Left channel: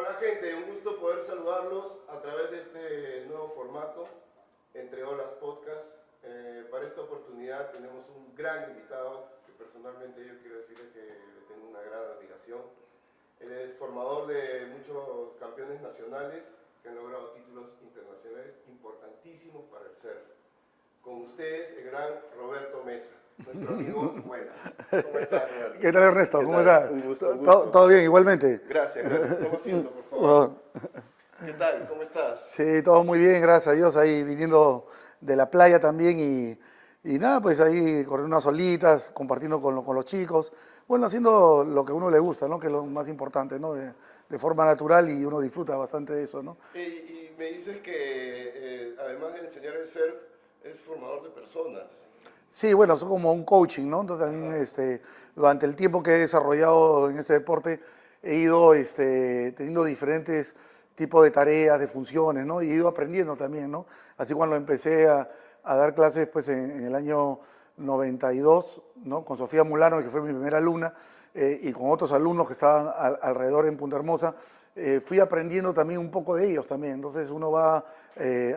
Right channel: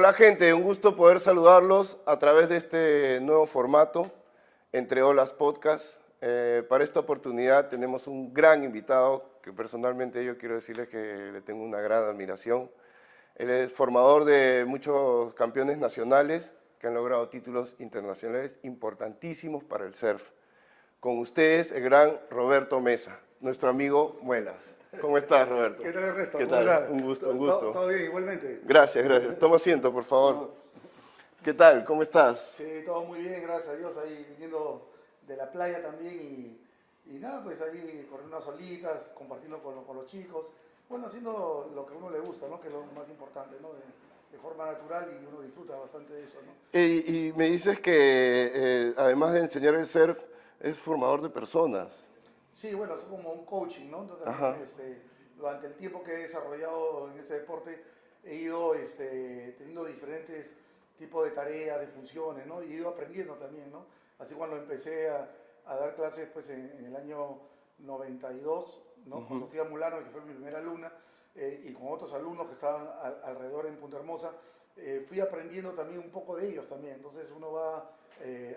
Hola gente, un gusto poder saludarlos a través de este nuevo formato, Entre Olas Podcast. Para esta oportunidad tenemos un gran invitado que personalmente yo quiero decirle que le tengo una gran admiración. Él es formador de muchos campeones nacionales que han logrado títulos internacionales importantísimos para el surf. Con ustedes, el gran Roberto Mesa, nuestro amigo. Buenas. ¿Cómo estás, Roberto? ¿Qué tal, Ernesto? ¿Qué ¿Cómo tal? estás? Un gusto, un gusto. ¿Todo bien, igualmente? Gracias, gracias. Toma asiento, por favor. Bueno, ¿Qué tal? ¿Cómo estás? sí, todo muy bien, gracias a Dios, ahí viniendo de la playa también y nada, pues ahí corriendo unas olitas, compartiendo con los chicos, bueno, haciendo lo que a uno le gusta, ¿no? Que es lo más importante, ¿no? De forma natural y uno disfruta bastante de eso, ¿no? Y me dices que además de enseñar el surf, es formador de personas. Sí, bueno, es como un coaching, ¿no? Entonces también durante el tiempo que he desarrollado en este deporte he ido teniendo diferentes tipos de tareas, de funciones, ¿no? Y he ido aprendiendo también, ¿no? Así cuando empecé a dar clases pues en el año 92, ¿no? Con Sofía Mulano, que fue mi primera alumna, y con otros alumnos que estaban alrededor en Punta Hermosa, fui aprendiendo también un poco de ellos también. Entonces uno va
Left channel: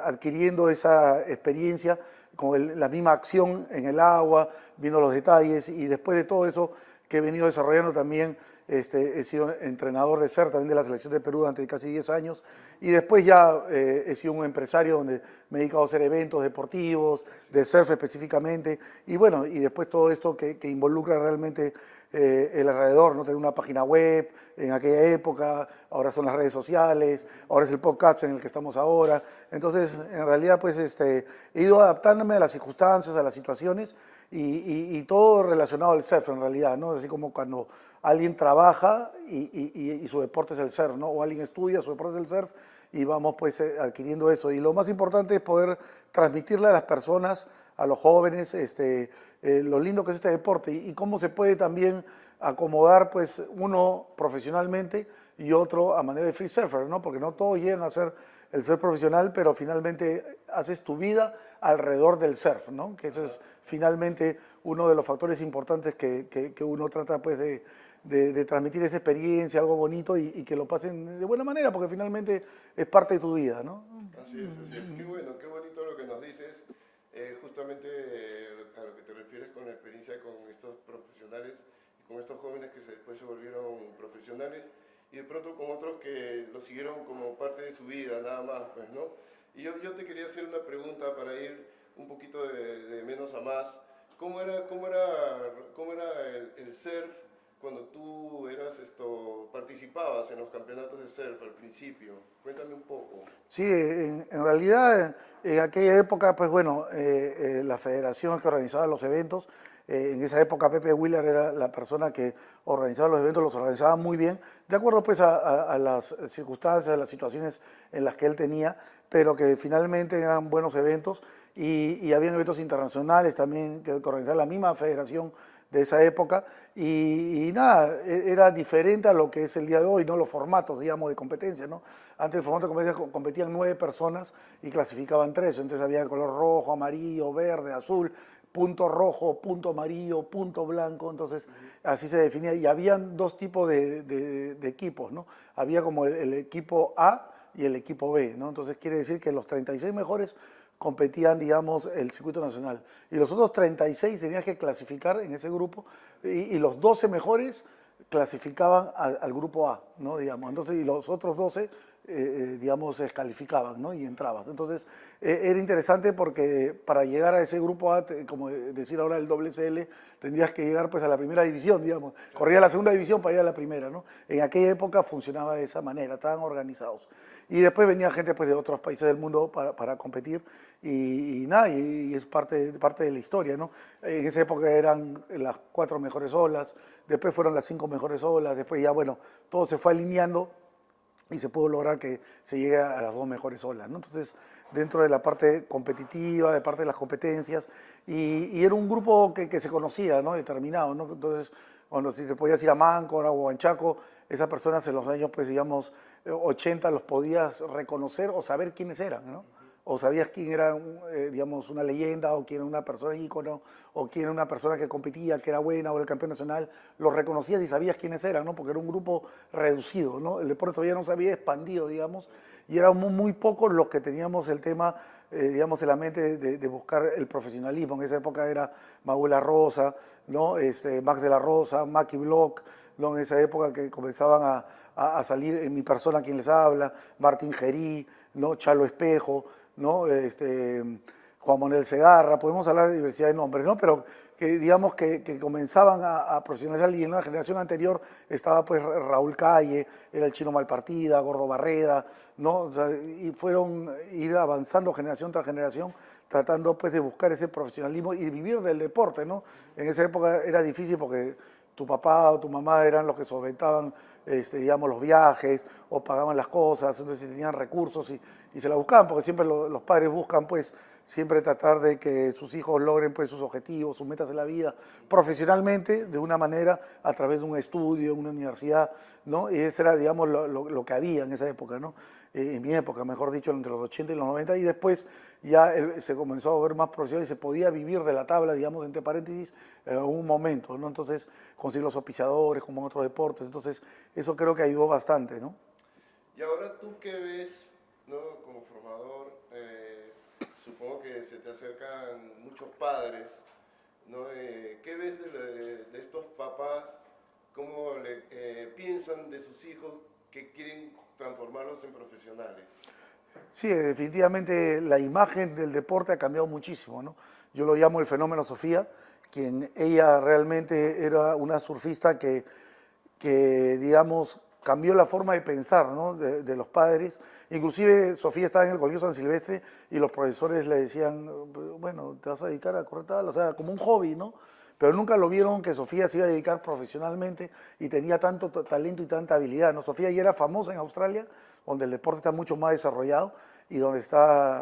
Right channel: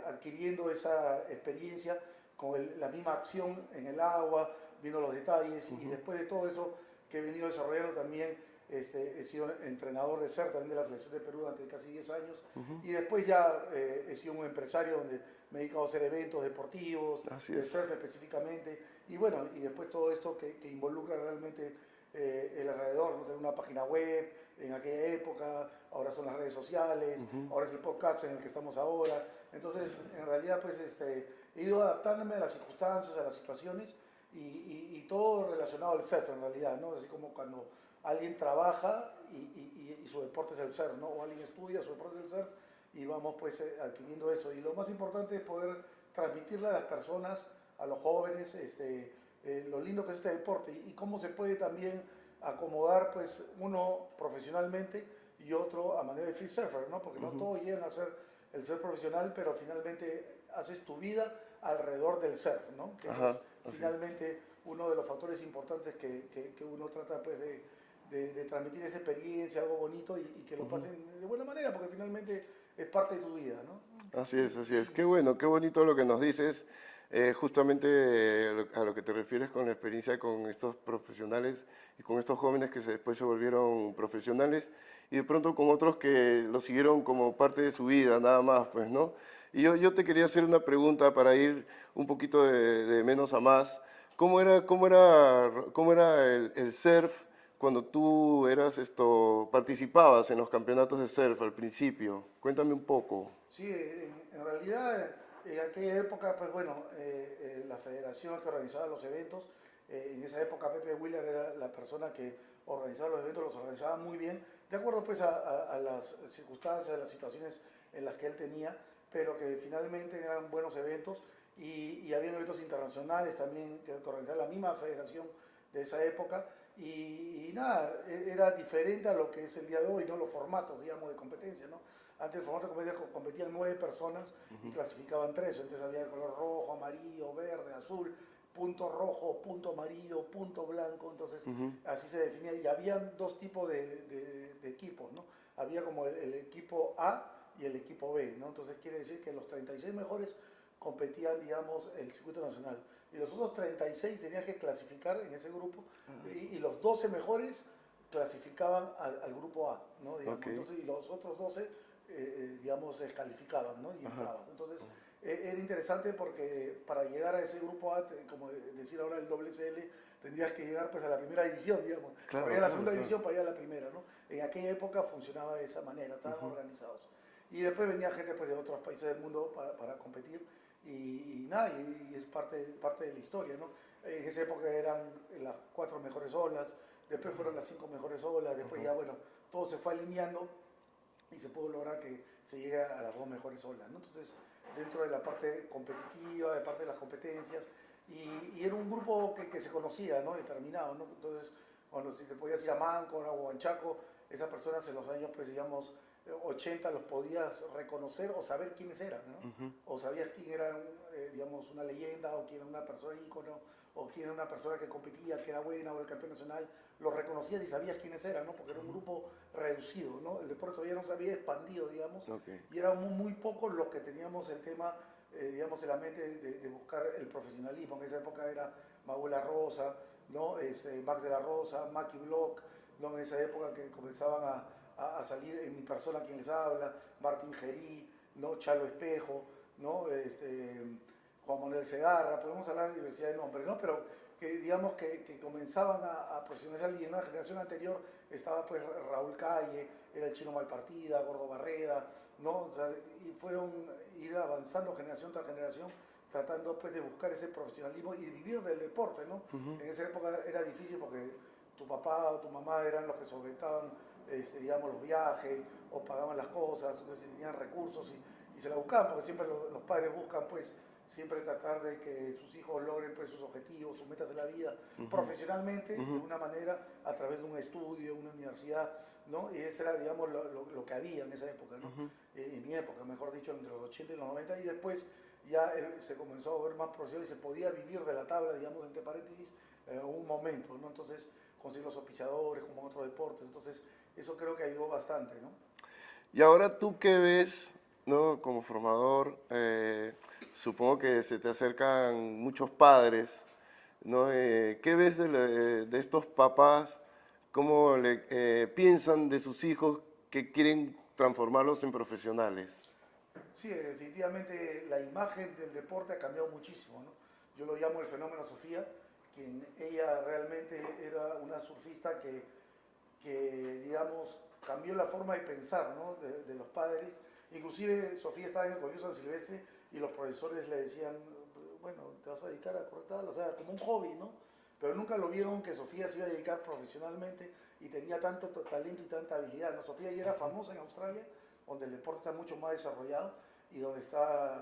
adquiriendo esa experiencia con la misma acción en el agua, viendo los detalles y después de todo eso que he venido desarrollando también, he sido entrenador de surf también de la selección de Perú durante casi 10 años y después ya he sido un empresario donde me he dedicado a hacer eventos deportivos, de surf específicamente y bueno, y después todo esto que involucra realmente el alrededor, ¿no? Tener una página web en aquella época, ahora son las redes sociales, ahora es el podcast en el que estamos ahora. Entonces, en realidad, pues he ido adaptándome a las circunstancias, a las situaciones y todo relacionado al surf en realidad, ¿no? Así como cuando alguien trabaja y su deporte es el surf, ¿no? O alguien estudia, su deporte es el surf y vamos pues adquiriendo eso. Y lo más importante es poder transmitirle a las personas, a los jóvenes, lo lindo que es este deporte y cómo se puede también acomodar pues uno profesionalmente y otro a manera de free surfer, ¿no? Porque no todos llegan a ser el surf profesional, pero finalmente haces tu vida alrededor del surf, ¿no? Que eso es finalmente uno de los factores importantes que uno trata pues de transmitir esa experiencia, algo bonito y que lo pasen de buena manera, porque finalmente es parte de tu vida, ¿no? Así es, así es. Qué bueno, qué bonito lo que nos dices. Justamente a lo que te refieres con la experiencia con estos profesionales y con estos jóvenes que después se volvieron profesionales y de pronto con otros que lo siguieron como parte de su vida, nada más, pues, ¿no? Y yo te quería hacer una pregunta para ir un poquito de menos a más. ¿Cómo era el surf cuando tú participabas en los campeonatos de surf al principio? Cuéntame un poco. Sí, en realidad en aquella época, pues bueno, la federación que organizaba los eventos, en esa época Pepe Wheeler era la persona que organizaba los eventos, los organizaba muy bien, de acuerdo pues a las circunstancias, a las situaciones en las que él tenía, pero que finalmente eran buenos eventos y habían eventos internacionales también que organizaba la misma federación de esa época y nada, era diferente a lo que es el día de hoy, ¿no? Los formatos, digamos, de competencia, ¿no? Antes el formato de competencia competían 9 personas y clasificaban 3, entonces había el color rojo, amarillo, verde, azul, punto rojo, punto amarillo, punto blanco, entonces así se definía y habían dos tipos de equipos, ¿no? Había como el equipo A y el equipo B, ¿no? Entonces quiere decir que los 36 mejores competían, digamos, el circuito nacional. Y los otros 36 tenían que clasificar en ese grupo y los 12 mejores clasificaban al grupo A, ¿no? Digamos. Entonces, y los otros 12, digamos, se descalificaban, ¿no? Y entraban. Entonces, era interesante porque para llegar a ese grupo A, como decir ahora el WSL, tendrías que llegar pues a la primera división, digamos. Claro, Corría la segunda claro. división para ir a la primera, ¿no? En aquella época funcionaba de esa manera, estaban organizados. Y después venía gente pues, de otros países del mundo para competir y nada, y es parte de la historia, ¿no? En esa época eran las 4 mejores olas, después fueron las 5 mejores olas, después ya, bueno, todo se fue alineando y se pudo lograr que se llegue a las 2 mejores olas, ¿no? Entonces, dentro de la parte competitiva, de parte de las competencias, y era un grupo que se conocía, ¿no? Determinado, ¿no? Entonces, cuando si te podías ir a Máncora o a Chaco, esas personas en los años, pues, digamos, 80 los podías reconocer o saber quiénes eran, ¿no? O sabías quién era, digamos, una leyenda, o quién era una persona ícono, o quién era una persona que competía, que era buena, o el campeón nacional, los reconocías y sabías quiénes eran, ¿no? Porque era un grupo reducido, ¿no? El deporte todavía no se había expandido, digamos, y éramos muy pocos los que teníamos el tema, digamos, en la mente de buscar el profesionalismo. En esa época era Maula Rosa, ¿no? Max de la Rosa, Maki Block, ¿no? En esa época que comenzaban a salir en mi persona quien les habla, Martín Gerí, ¿no? Chalo Espejo, ¿no? Juan Manuel Segarra, podemos hablar de diversidad de nombres, ¿no? Pero que digamos que comenzaban a profesionalizar, y en una generación anterior estaba pues Raúl Calle, era el Chino Malpartida, Gordo Barreda, ¿no? O sea, y fueron ir avanzando generación tras generación, tratando pues de buscar ese profesionalismo y vivir del deporte, ¿no? En esa época era difícil porque tu papá o tu mamá eran los que solventaban, digamos, los viajes o pagaban las cosas, entonces tenían recursos y se la buscaban, porque siempre los padres buscan pues siempre tratar de que sus hijos logren pues sus objetivos, sus metas de la vida, profesionalmente, de una manera, a través de un estudio, una universidad, ¿no? Y eso era, digamos, lo que había en esa época, ¿no? En mi época, mejor dicho, entre los 80 y los 90, y después ya se comenzó a ver más profesional y se podía vivir de la tabla, digamos, entre paréntesis, en algún momento, ¿no? Entonces, conseguir los auspiciadores, como en otros deportes, entonces, eso creo que ayudó bastante, ¿no? Y ahora tú qué ves, ¿no? Como formador, supongo que se te acercan muchos padres, ¿no? ¿Qué ves de estos papás? ¿Cómo piensan de sus hijos que quieren transformarlos en profesionales? Sí, definitivamente la imagen del deporte ha cambiado muchísimo, ¿no? Yo lo llamo el fenómeno Sofía, quien ella realmente era una surfista que digamos, cambió la forma de pensar, ¿no? de los padres. Inclusive Sofía estaba en el Colegio San Silvestre y los profesores le decían, bueno, te vas a dedicar a correr tal, o sea, como un hobby, ¿no? Pero nunca lo vieron que Sofía se iba a dedicar profesionalmente y tenía tanto talento y tanta habilidad, ¿no? Sofía ya era famosa en Australia, donde el deporte está mucho más desarrollado y donde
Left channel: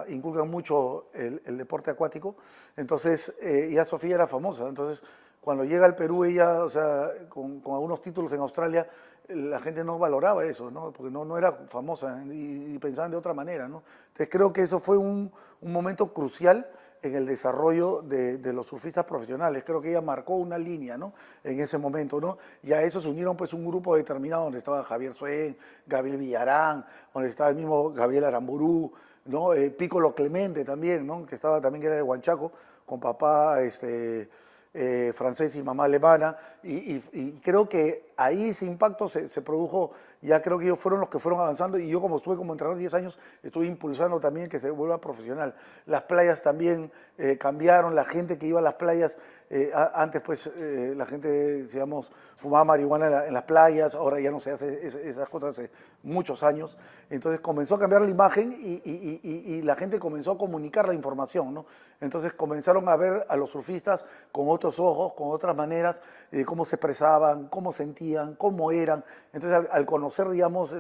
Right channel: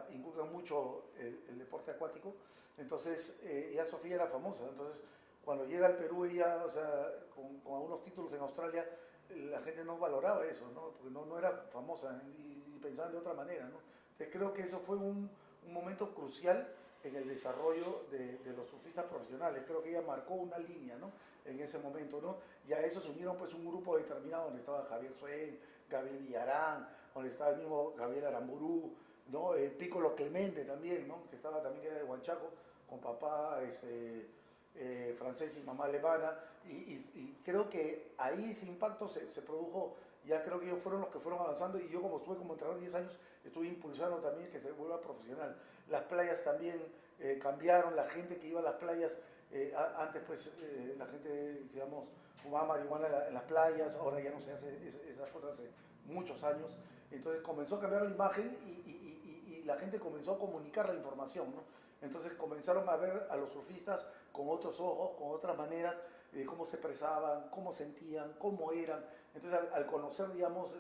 inculcan mucho el deporte acuático. Entonces, ya Sofía era famosa. Entonces, cuando llega al Perú, ella, o sea, con algunos títulos en Australia, la gente no valoraba eso, ¿no? Porque no era famosa y pensaban de otra manera, ¿no? Entonces, creo que eso fue un momento crucial en el desarrollo de los surfistas profesionales. Creo que ella marcó una línea, ¿no? En ese momento, ¿no? Y a eso se unieron pues un grupo determinado donde estaba Javier Suén, Gabriel Villarán, donde estaba el mismo Gabriel Aramburú, ¿no? Piccolo Clemente también, ¿no? Que estaba también, que era de Huanchaco, con papá francés y mamá alemana, y creo que ahí ese impacto se produjo. Ya creo que ellos fueron los que fueron avanzando, y yo como estuve como entrenador 10 años, estuve impulsando también que se vuelva profesional. Las playas también cambiaron, la gente que iba a las playas, antes pues la gente, digamos, fumaba marihuana en las playas, ahora ya no se hace esas cosas hace muchos años. Entonces comenzó a cambiar la imagen y la gente comenzó a comunicar la información, ¿no? Entonces comenzaron a ver a los surfistas con otros ojos, con otras maneras, cómo se expresaban, cómo sentían, cómo eran. Entonces al conocer, digamos,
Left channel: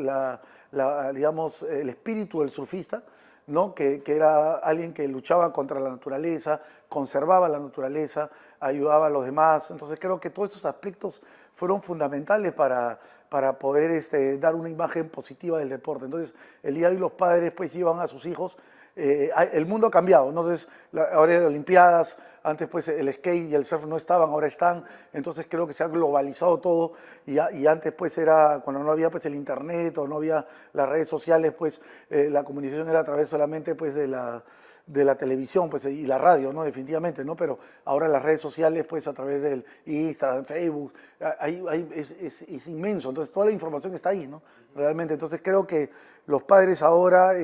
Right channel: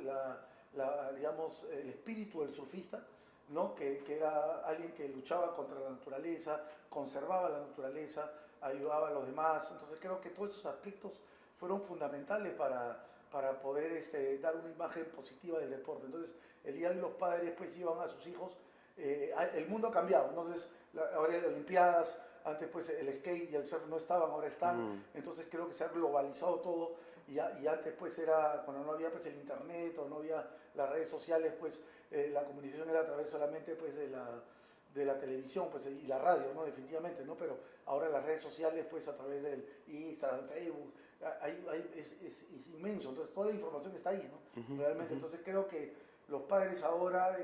digamos, el espíritu del surfista, ¿no? Que era alguien que luchaba contra la naturaleza, conservaba la naturaleza, ayudaba a los demás. Entonces creo que todos esos aspectos fueron fundamentales para poder dar una imagen positiva del deporte. Entonces el día de hoy los padres pues llevan a sus hijos. El mundo ha cambiado, entonces ahora hay Olimpiadas, antes pues el skate y el surf no estaban, ahora están, entonces creo que se ha globalizado todo, y antes pues era, cuando no había pues el internet o no había las redes sociales, pues la comunicación era a través solamente pues de la televisión pues, y la radio, ¿no? Definitivamente, ¿no? Pero ahora las redes sociales, pues a través del Instagram, Facebook, es inmenso, entonces toda la información está ahí, ¿no? Realmente, entonces creo que los padres ahora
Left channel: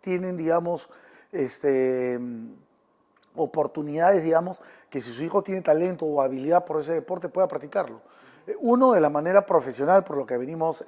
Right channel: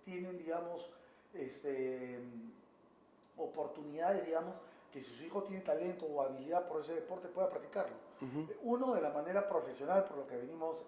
tienen, digamos, oportunidades, digamos, que si su hijo tiene talento o habilidad por ese deporte pueda practicarlo. Uno de la manera profesional, por lo que venimos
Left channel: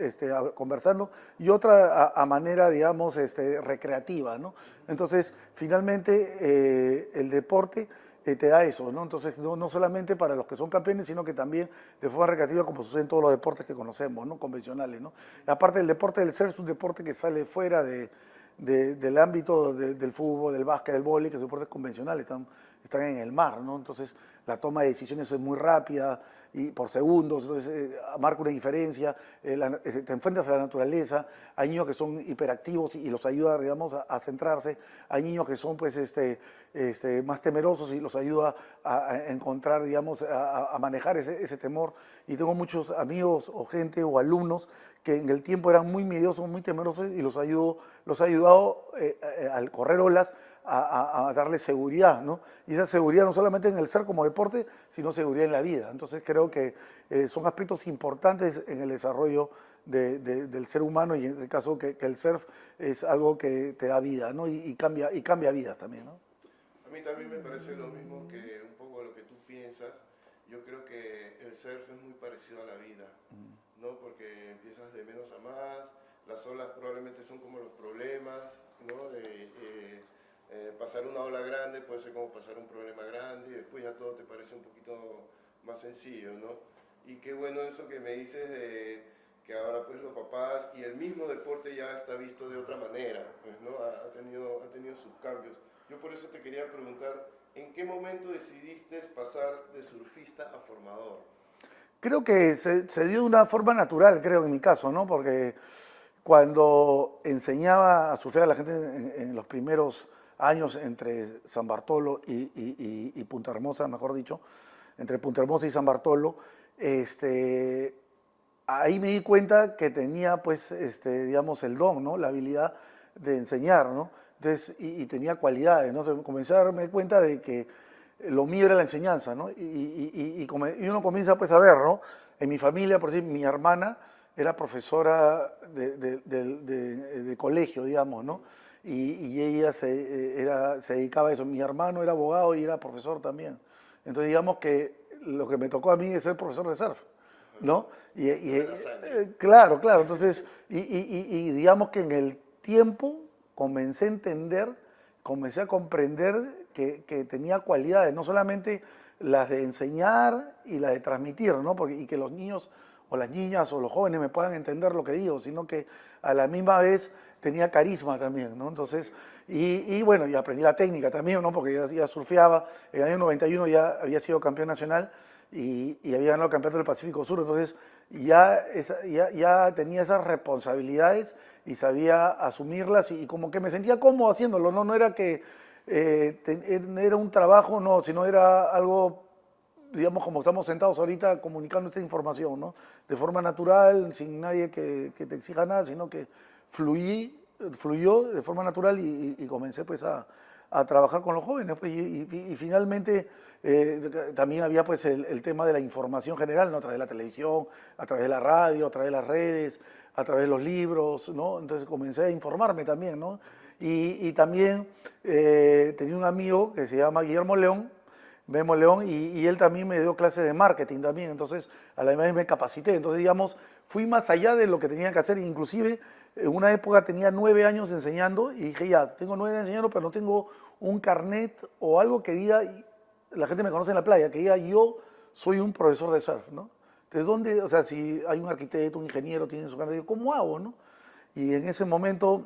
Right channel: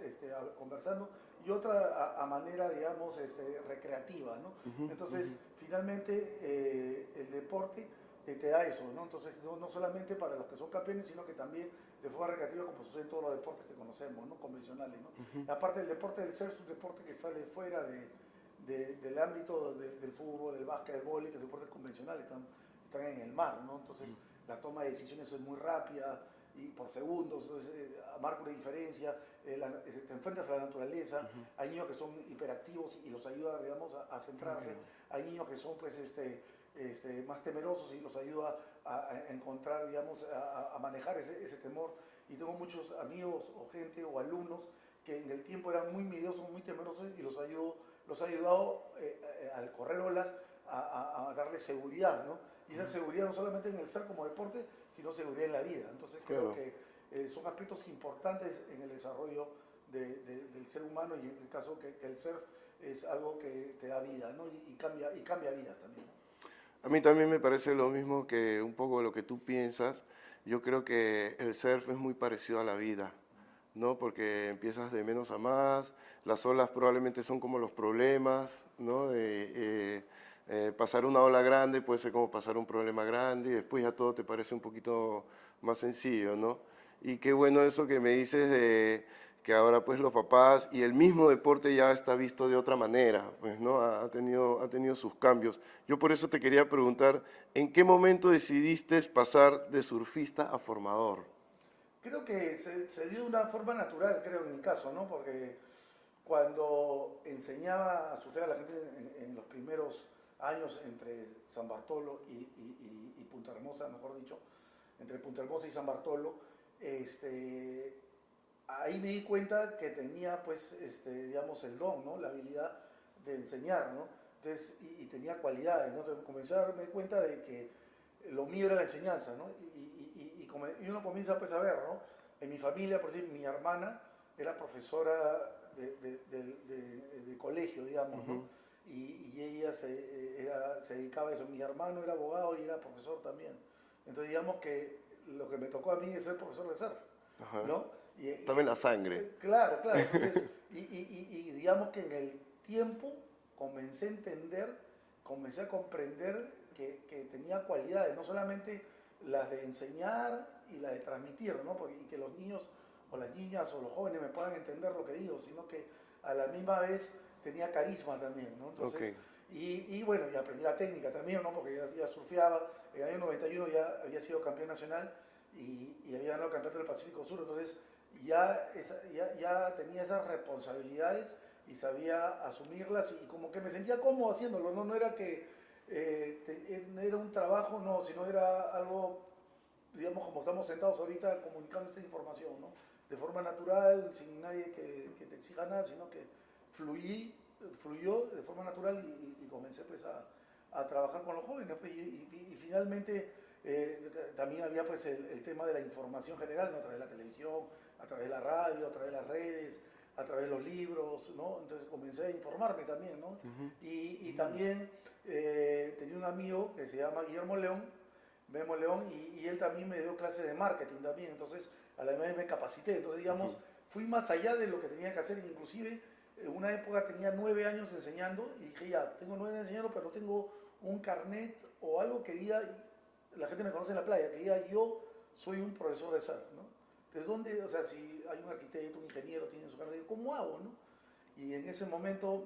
conversando, y otra a manera, digamos, recreativa, ¿no? Entonces, finalmente, el deporte te da eso, ¿no? Entonces, no solamente para los que son campeones, sino que también de forma recreativa, como sucede en todos los deportes que conocemos, ¿no? Convencionales, ¿no? Aparte del deporte del surf, es un deporte que sale fuera del ámbito del fútbol, del básquet, del vóley, que son deportes convencionales, están están en el mar, ¿no? Entonces la toma de decisiones es muy rápida y por segundos, entonces marca una diferencia, te enfrentas a la naturaleza, hay niños que son hiperactivos y los ayuda, digamos, centrarse, hay niños que son, pues, más temerosos y los ayuda a encontrar, digamos, a manejar ese temor. Y tengo muchos amigos o gente o alumnos que en el tiempo eran muy miedosos, muy temerosos y los ha ayudado al correr olas a darle seguridad, ¿no? Y esa seguridad no solamente en el surf como deporte, sino seguridad en la vida. Entonces creo que son aspectos importantes en el desarrollo del ser humano y en el caso que el surf es algo que te da vida, ¿no? Y cambia vidas también, ¿no? A mí también me parece lo mismo que un poco lo que tú piensas. Yo creo que el surf es muy parecido a la vida, ¿no? Porque empiezas de menos a más, las olas probablemente son como los problemas, ¿no? Pasar una ola grande puede ser como pasar un problema grande y después ya todo te parece un poquito más sencillo, ¿no? Y qué bueno eso que me dices de que ahora pues los papás y el mismo deporte ya está visto de otra manera, pues, ¿no? Ha tenido sus cambios. Yo por eso te quería preguntar, ¿en qué momento decidiste pasar de surfista a formador? Creo que se dio de una forma natural, creo, en mi caso, ¿no? Porque cuando enseñaba a surfear a la gente en los primeros años entre San Bartolo y Punta Hermosa, mejor dicho, entre Punta Hermosa y San Bartolo, ahí me di cuenta que tenía, pues, digamos, el don, ¿no? La habilidad de enseñar, ¿no? Entonces, y tenía cualidades, ¿no? Entonces, comencé a darme cuenta de que lo mío era la enseñanza, ¿no? Y uno comienza, pues, a ver, ¿no? En mi familia, por decir, mi hermana era profesora de colegio, digamos, ¿no? Y ella se dedicaba a eso. Mi hermano era abogado y era profesor también. Entonces, digamos que lo que me tocó a mí es ser profesor de surf, Ajá. ¿no? No en la sangre. Claro, claro. Entonces, y digamos que en el tiempo comencé a entender, comencé a comprender que tenía cualidades, no solamente las de enseñar y las de transmitir, ¿no? Y que los niños o las niñas o los jóvenes me puedan entender lo que digo, sino que a la misma vez tenía carisma también, ¿no? Entonces, y bueno, y aprendí la técnica también, ¿no? Porque ya surfeaba, en el año 91 ya había sido campeón nacional y había ganado el campeonato del Pacífico Sur, entonces ya tenía esas responsabilidades y sabía asumirlas y como que me sentía cómodo haciéndolo, ¿no? No era que era un trabajo, no, sino era algo, digamos, como estamos sentados ahorita comunicando esta información, ¿no? De forma natural, sin nadie que te exija nada, sino que fluyó de forma natural y comencé pues a trabajar con los jóvenes. Pues, y finalmente también había pues el tema de la información general, ¿no? A través de la televisión, a través de la radio, a través de las redes, a través de los libros, ¿no? Entonces comencé a informarme también, ¿no? Y también tenía un amigo que se llama Guillermo León, Memo León, y él también me dio clases de marketing también, entonces a la vez me capacité, entonces digamos, fui más allá de lo que tenía que hacer, inclusive en una época tenía 9 años enseñando y dije ya, tengo 9 años enseñando, pero no tengo un carnet o algo que diga, la gente me conoce en la playa, que diga yo soy un profesor de surf, ¿no? Entonces, ¿dónde, o sea, si hay un arquitecto, un ingeniero, tiene su carnet, ¿cómo hago, no? Y en ese momento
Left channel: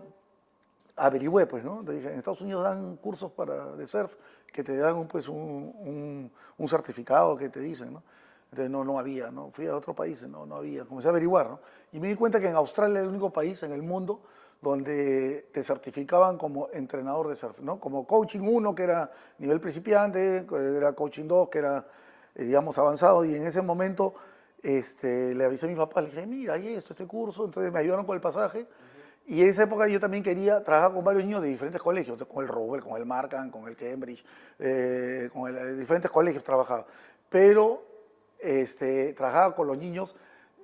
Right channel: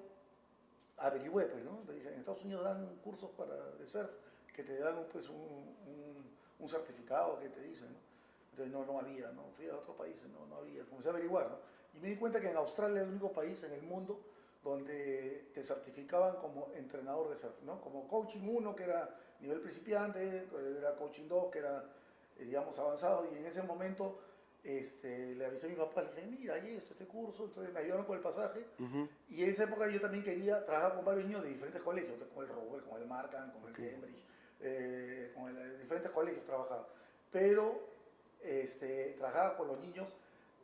averigüé, pues, ¿no? Le dije, en Estados Unidos dan cursos de surf que te dan pues, un certificado que te dicen, ¿no? Entonces no había, ¿no? Fui a otros países, no había. Comencé a averiguar, ¿no? Y me di cuenta que en Australia era el único país en el mundo donde te certificaban como entrenador de surf, ¿no? Como coaching 1, que era nivel principiante, era coaching 2, que era, digamos, avanzado, y en ese momento le avisé a mi papá, le dije, mira, hay este curso, entonces me ayudaron con el pasaje, y en esa época yo también quería trabajar con varios niños de diferentes colegios, con el Rowell, con el Markham, con el Cambridge, diferentes colegios trabajaba, pero trabajaba con los niños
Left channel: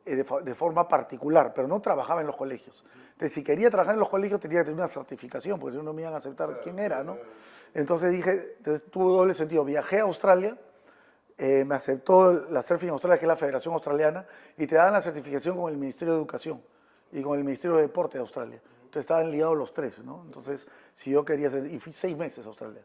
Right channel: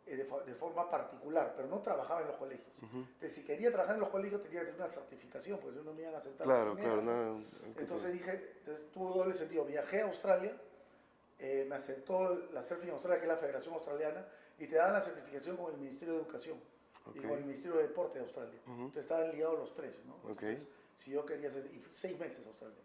de forma particular, pero no trabajaba en los colegios. Entonces, si quería trabajar en los colegios tenía que tener una certificación, porque si no me iban a aceptar quién era, ¿no? Entonces dije, tuvo doble sentido, viajé a Australia, me aceptó la Surfing Australia, que es la Federación Australiana, y te dan la certificación con el Ministerio de Educación y con el Ministerio de Deporte de Australia. Entonces estaban ligados los tres, ¿no? Entonces, si yo quería hacer, y fui 6 meses a Australia.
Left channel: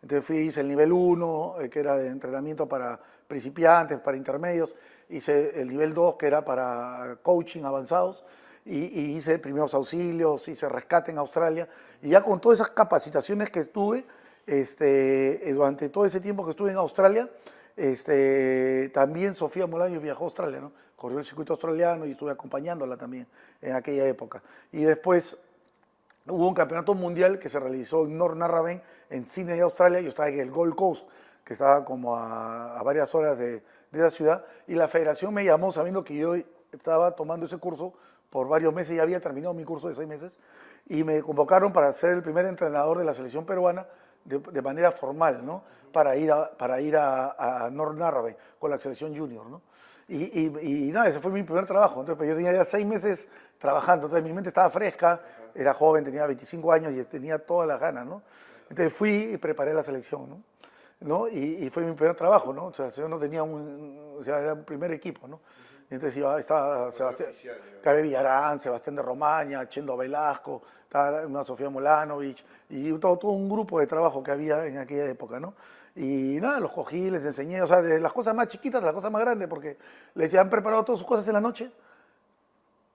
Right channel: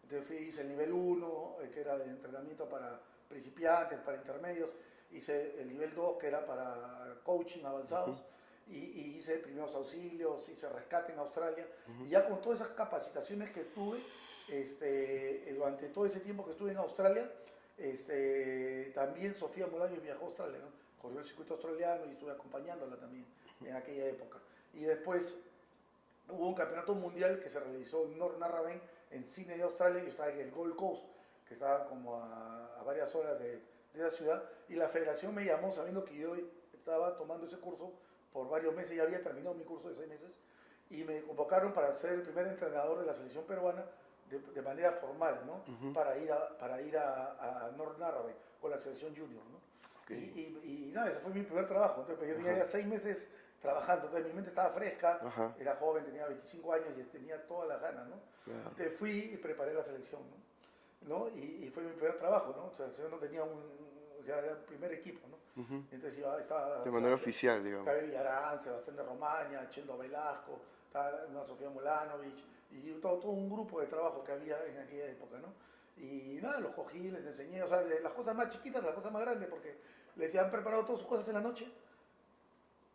Entonces hice el nivel 1, que era de entrenamiento para principiantes, para intermedios, hice el nivel 2, que era para coaching avanzados, y hice primeros auxilios, hice rescate en Australia, y ya con todas esas capacitaciones que tuve, Durante todo ese tiempo que estuve en Australia, también Sofía Molaño viajó a Australia, ¿no? Corrió el circuito australiano y estuve acompañándola también en aquella época. Y después hubo un campeonato mundial que se realizó en North Narrabeen, en Sydney, Australia. Yo estaba en el Gold Coast, que estaba como a varias horas de esa ciudad, y la federación me llamó sabiendo que yo estaba tomando ese curso por varios meses, ya había terminado mi curso de 6 meses, y me convocaron para ser el primer entrenador de la selección peruana de manera formal, ¿no? Para ir a North Narrabeen con la selección junior, ¿no? Y nada, ese fue mi primer trabajo. Entonces, pues, yo tenía ya 6 meses trabajando, entonces mi mente estaba fresca, era joven, tenía 25 años y tenía todas las ganas, ¿no? Entonces fui y preparé la selección, ¿no? Y fue mi primer trabajo, ¿no? O sea, yo no tenía o sea, era un primer equipo, ¿no? Entonces estaba oficial, digamos. Cabe Villarán, Sebastián de Romaña, Chendo Velasco, estaba una Sofía Molanovich, y todo un grupo de trabajo que había en aquella época, ¿no? Y nada, los cogí, les enseñé, o sea, de las cosas más chiquitas a las cosas más grandes, porque les decía, han preparado todas sus cosas en la noche,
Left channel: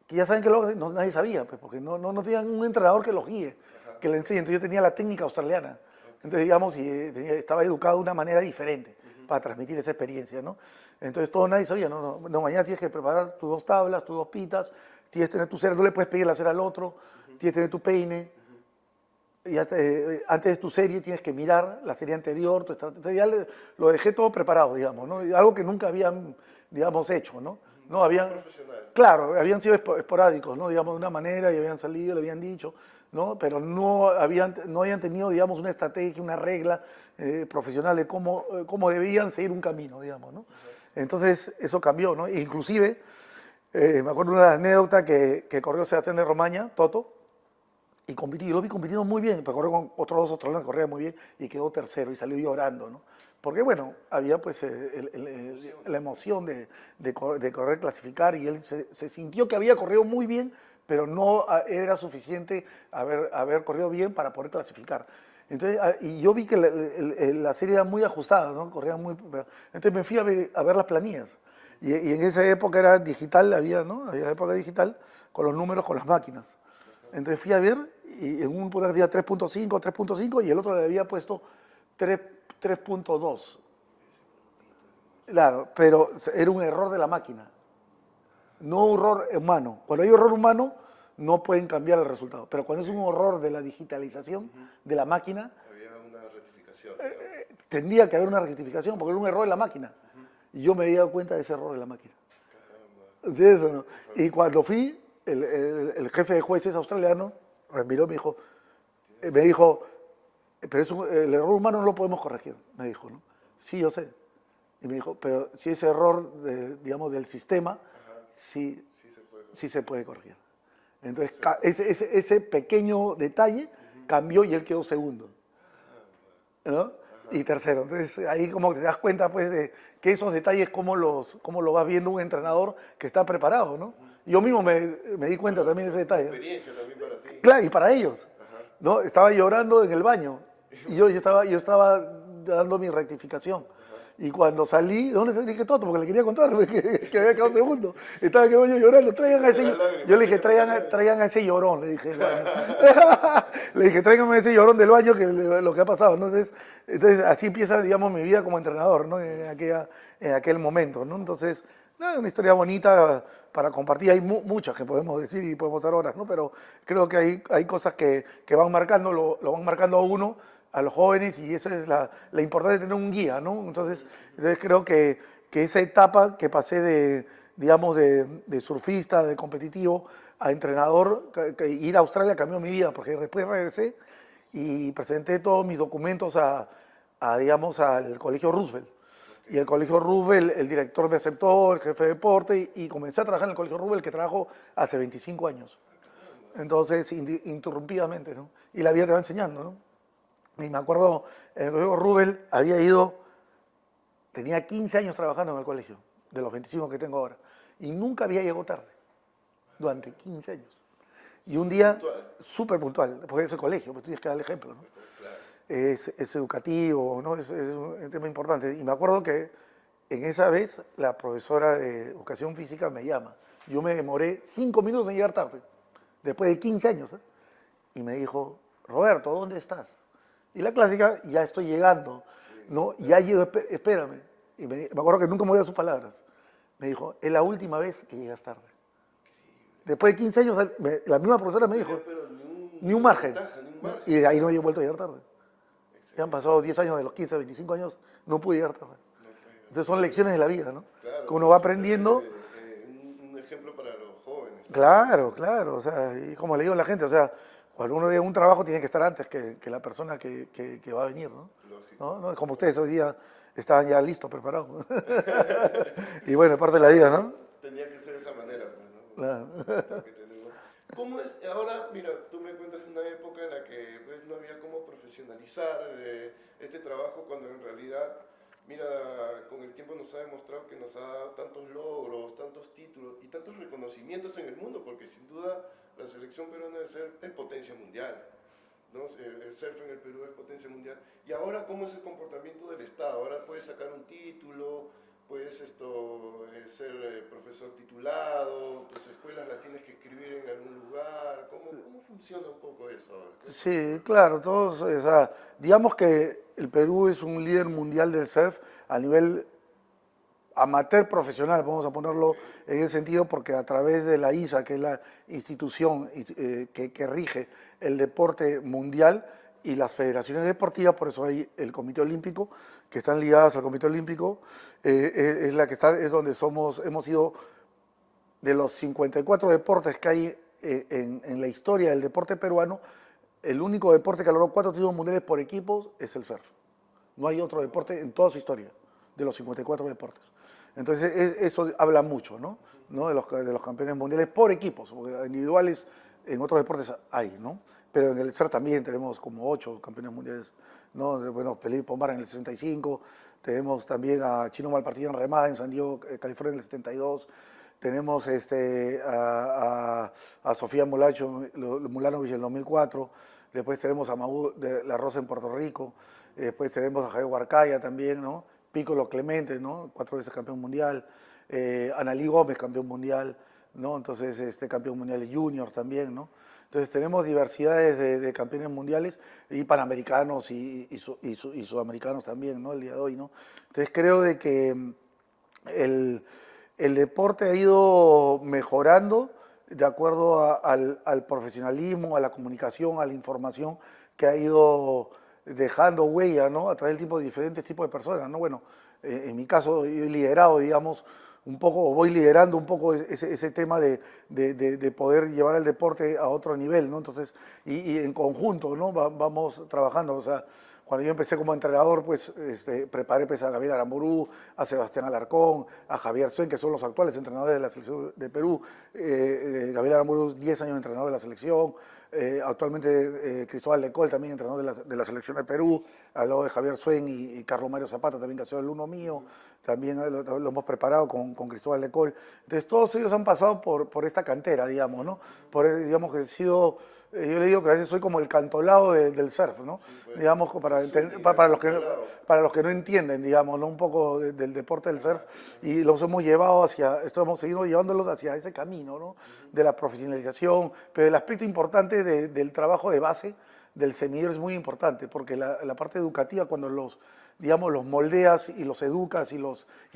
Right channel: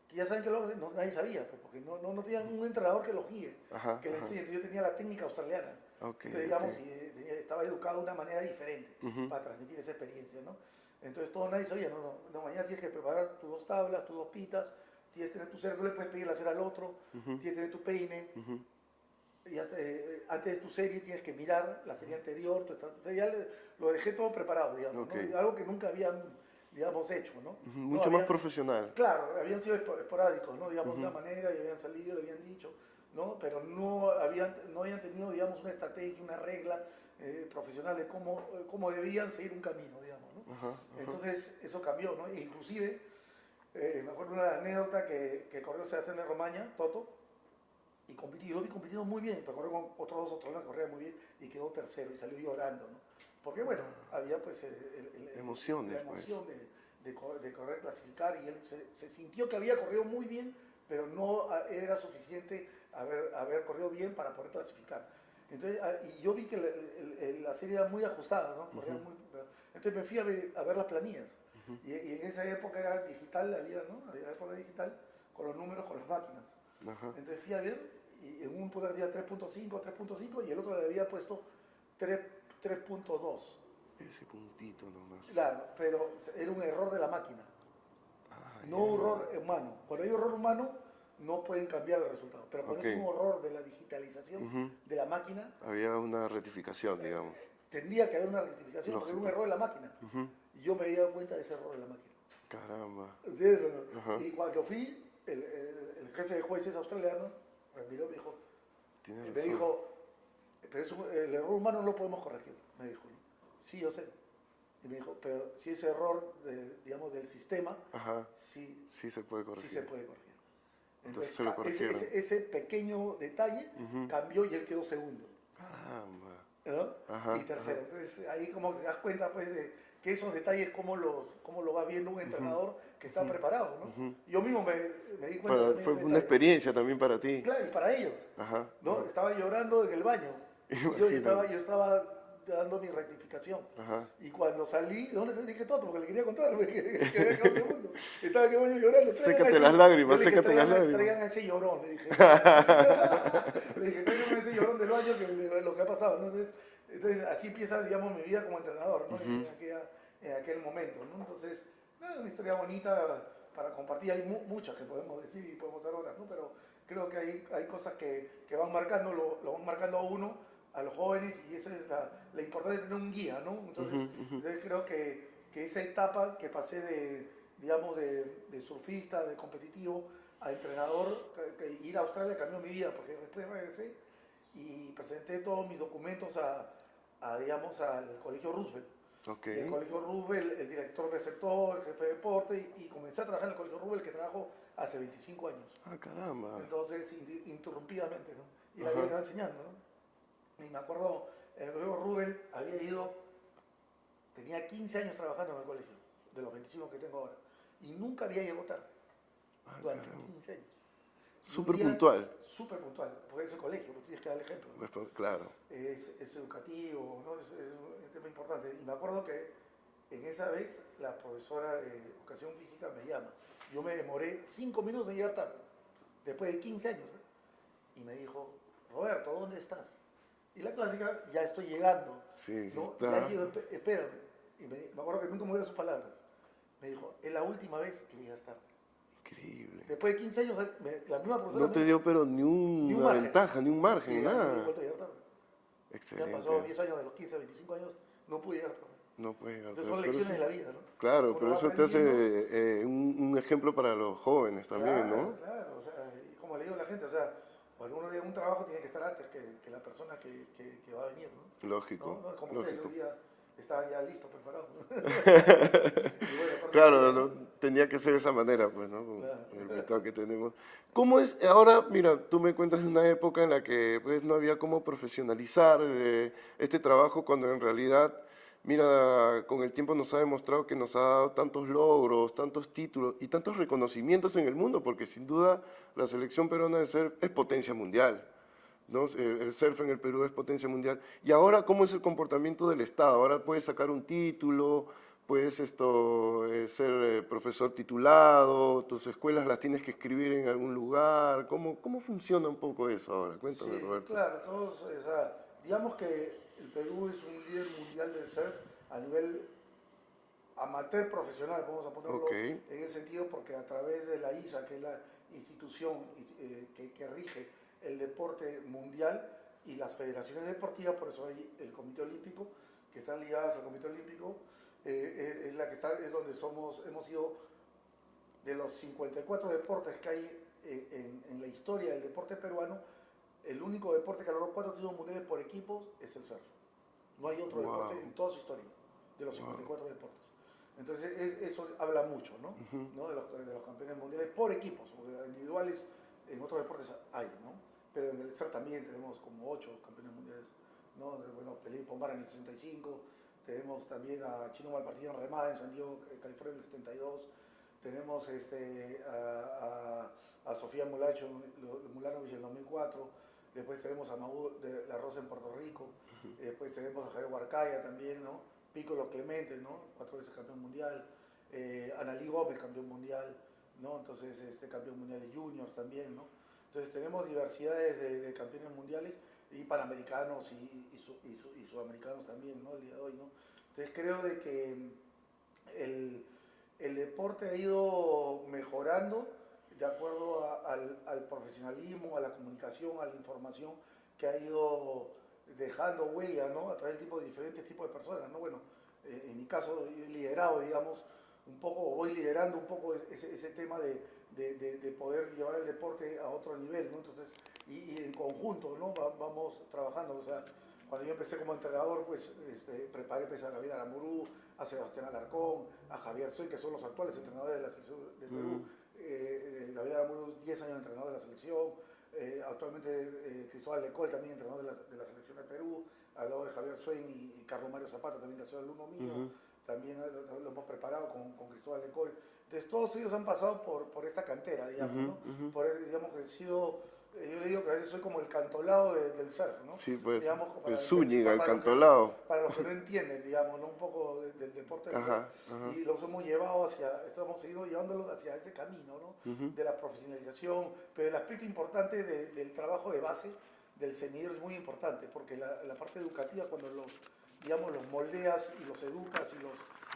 que ya saben que nadie sabía, pues, porque no tenían un entrenador que los guíe, que le enseñe. Entonces yo tenía la técnica australiana. Entonces, digamos, y estaba educado de una manera diferente para transmitir esa experiencia, ¿no? Entonces todo nadie sabía, no, mañana tienes que preparar tus 2 tablas, tus 2 pitas, tienes que tener tu cera, no le puedes pedir la cera al otro, tienes que tener tu peine. Y antes de tu serie tienes que mirar la serie anterior, entonces ya lo dejé todo preparado, digamos, ¿no? Y algo que nunca habían, digamos, hecho, ¿no? No habían profesional. Claro, habían sido esporádicos, ¿no? Digamos, de una manera, y habían salido, le habían dicho, ¿no? Pero no habían tenido, digamos, una estrategia, una regla profesional de cómo debían seguir un camino, digamos, ¿no? Entonces, eso cambió, ¿no? E inclusive, me acuerdo de una anécdota que corrió Sebastián de Romaña, Toto, y yo lo vi compitiendo muy bien, pero corrió con otros 2 australianos, corría muy bien, y quedó tercero, y salió llorando, ¿no? Porque, bueno, había pues la emoción de correr, clasificar, y él se sintió que había corrido muy bien, pero no era suficiente haber corrido bien para poder clasificar. Entonces, y yo vi que la serie era muy ajustada, ¿no? Corría muy... Entonces me fui a ver las planillas. Y en esa época era digital, ¿no? Había época digital, con los números, con las máquinas. Entonces fui a ver, y en un día 3.5, y el otro le había puesto 3.2. Ese puntito nomás. Claro, pero era un error de la máquina, no un error humano. Cuando hay error humano, no pueden cambiar el resultado. Pero cuando es un error de la digitalización de la máquina... Había una rectificación, digamos. Tendría que haber una rectificación, porque era un error de la máquina. Y yo me había dado cuenta de ese error de la máquina. Caramba. De eso, ¿no? Y cuando fui, el jefe de jueces australiano me miró y me dijo, pero el error humano no lo podemos corregir, me dijo, ¿no? Sí, yo sé. Y me dijo, pero si ese error, digamos, del sistema, sí se puede corregir. Entonces, ese pequeño detalle cambió y él quedó segundo, ¿no? Y tercero. Entonces, ahí como te das cuenta, pues, de que esos detalles, cómo lo va viendo un entrenador que está preparado, ¿no? Yo mismo me di cuenta también de ese detalle. Fue una experiencia también para ti. Claro, y para ellos, ¿no? Estaba llorando en el baño. Y yo estaba dando mi rectificación. Y cuando salí, ¿dónde salí? Que Toto, porque le quería contar que había quedado segundo. Estaba en el baño llorando. Yo le dije, traigan a ese llorón, le dije. Le dije, tráiganme a ese llorón del baño, que lo que ha pasado. Entonces así empieza, digamos, mi vida como entrenador, ¿no? En aquel momento, ¿no? Entonces, nada, una historia bonita para compartir. Hay muchas que podemos decir y podemos dar horas, ¿no? Pero creo que hay cosas que van marcando, lo van marcando a uno, a los jóvenes, y esa es la importancia de tener un guía, ¿no? Entonces creo que esa etapa que pasé digamos, de surfista, de competitivo, a entrenador, ir a Australia cambió mi vida, porque después regresé y presenté todos mis documentos digamos, al Colegio Roosevelt. Y el Colegio Roosevelt, el director me aceptó, el jefe de deporte, y comencé a trabajar en el Colegio Roosevelt, que trabajo hace 25 años. Caramba. Entonces, interrumpidamente, ¿no? Y la vida te va enseñando, ¿no? Y me acuerdo, en el Colegio Roosevelt tenía 15 años trabajando en el colegio, de los 25 que tengo ahora, y nunca había llegado tarde, durante 15 años. Y un día, súper puntual, porque es el colegio, pues tienes que dar el ejemplo, ¿no? Pues, claro. Es educativo, ¿no? Es un tema importante. Y me acuerdo que en esa vez la profesora de educación física me llama. Yo me demoré 5 minutos en llegar tarde, después de 15 años, ¿eh? Y me dijo, Roberto, ¿dónde estás? Y la clásica, ya estoy llegando, Sí, ¿no? está. Ya llego, espérame. Y me acuerdo que nunca me olvidé sus palabras. Me dijo, es la última vez que llegas tarde. Increíble. Después de 15 años, la misma profesora No me te dio, dijo, pero ni ni un una margen. ventaja, ni un ¿no? margen, Y de ahí no he nada. vuelto a llegar tarde. Ya han Excelente. pasado 10 años, de los 15 a 25 años, no pude llegar tarde. No puede llegar Entonces tarde, son por lecciones de eso. la vida, ¿no? Claro, Que uno por va eso te hace aprendiendo. un ejemplo para los jóvenes también, Claro, ¿no? claro, o sea, y como le digo a la gente, o sea, cuando uno llega a un trabajo tiene que estar antes que la persona que va a venir, ¿no? Lógico, ¿No? Como ustedes lógico. hoy día estaban ya listos, preparados. Y bueno, es parte de la vida, Claro, ¿no? tenía que ser de esa manera, pues, ¿no? Con Claro. el invitado que tenemos. ¿Cómo es? Ahora, mira, tú me cuentas de una época en la que pues no había cómo profesionalizar este trabajo cuando en realidad, mira, con el tiempo nos ha demostrado que nos ha dado tantos logros, tantos títulos y tantos reconocimientos en el mundo, porque sin duda la selección peruana de surf es potencia mundial. ¿No? El surf en el Perú es potencia mundial. Y ahora, ¿cómo es el comportamiento del Estado? Ahora puedes sacar un título, puedes ser profesor titulado, tus escuelas las tienes que escribir en algún lugar. ¿Cómo funciona un poco eso ahora? Cuéntame, Sí, Roberto. claro, todos, o sea, digamos que el Perú es un líder mundial del surf a nivel amateur profesional, vamos a Ok, ponerlo en ese sentido, porque a través de la ISA, que es la institución que rige el deporte mundial, y las federaciones deportivas, por eso hay el Comité Olímpico, que están ligadas al Comité Olímpico, es la que está, es donde hemos sido de los 54 deportes que hay en la historia del deporte peruano, el único deporte que ha logrado 4 títulos mundiales por equipos es el surf. No hay otro wow, deporte en toda su historia, de los wow. 54 deportes. Entonces, eso habla mucho, ¿no? ¿No? De los campeones mundiales por equipos, porque individuales en otros deportes hay, ¿no? Pero en el surf también tenemos como 8 campeones mundiales, ¿no? Bueno, Felipe Pomar en el 65, tenemos también a Chino Malpartida en remada en San Diego, California en el 72, tenemos a Sofía Mulanovich en el 2004, después tenemos a Maú de la Rosa en Puerto Rico, después tenemos a Javier Huarcaya también, ¿no? Piccolo Clemente, ¿no? 4 veces campeón mundial, Analí Gómez, campeón mundial, ¿no? Entonces, campeón mundial de juniors también, ¿no? Entonces tenemos diversidades de campeones mundiales y panamericanos y sudamericanos también, ¿no? El día de hoy, ¿no? Entonces creo de que el, el deporte ha ido mejorando de acuerdo al profesionalismo, a la comunicación, a la información que ha ido dejando huella, ¿no? A través del tipo de diferentes tipos de personas, ¿no? Bueno, en mi caso he liderado, digamos, un poco, o voy liderando un poco ese tema de poder llevar el deporte a otro nivel, ¿no? Entonces, y en conjunto, ¿no? Vamos trabajando, o sea, cuando yo empecé como entrenador, pues preparé pues, a Gabriel Aramburú, a Sebastián Alarcón, a Javier Suen, que son los actuales entrenadores de la selección de Perú. Gabriel Aramburú, 10 años entrenador de la selección. Actualmente Cristóbal Lecol, también entrenador de la selección de Perú. Al lado de Javier Suen y Carlos Mario Zapata, también que ha sido el uno mío. También lo hemos preparado con Cristóbal Lecol. Entonces, todos ellos han pasado por esta cantera, digamos, ¿no? Digamos que he sido yo le digo que a veces soy como el cantolado del surf, ¿no? Sí, pues, Digamos, el Zúñiga, el Cantolao. para los que no entienden, digamos, ¿no? Un poco del deporte del surf. Ajá, ajá. Y los hemos llevado hemos seguido llevándolos hacia ese camino, ¿no? De la profesionalización, pero el aspecto importante del trabajo de base del semillero es muy importante, porque la parte educativa, cuando digamos, los moldeas y los educas y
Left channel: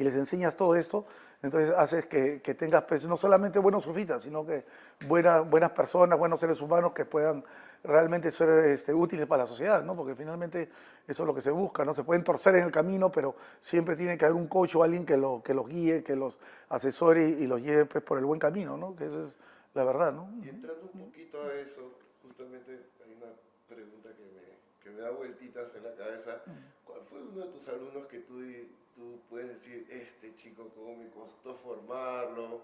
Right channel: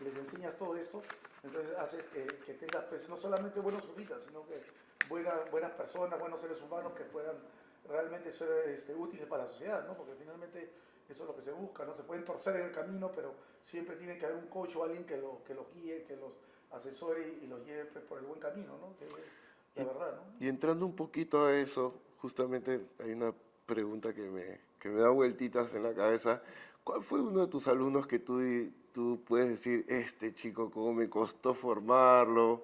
les enseñas todo esto, entonces haces que tengas pues, no solamente buenos surfistas, sino que buenas personas, buenos seres humanos que puedan realmente ser útiles para la sociedad, ¿no? Porque finalmente eso es lo que se busca, ¿no? Se pueden torcer en el camino, pero siempre tiene que haber un coach o alguien que los guíe, que los asesore y los lleve pues, por el buen camino, ¿no? Que eso es la verdad, ¿no? Y entrando un poquito a eso, justamente hay una pregunta que me da vueltitas en la cabeza. ¿Cuál fue uno de tus alumnos que tú puedes decir, este chico, cómo me costó formarlo?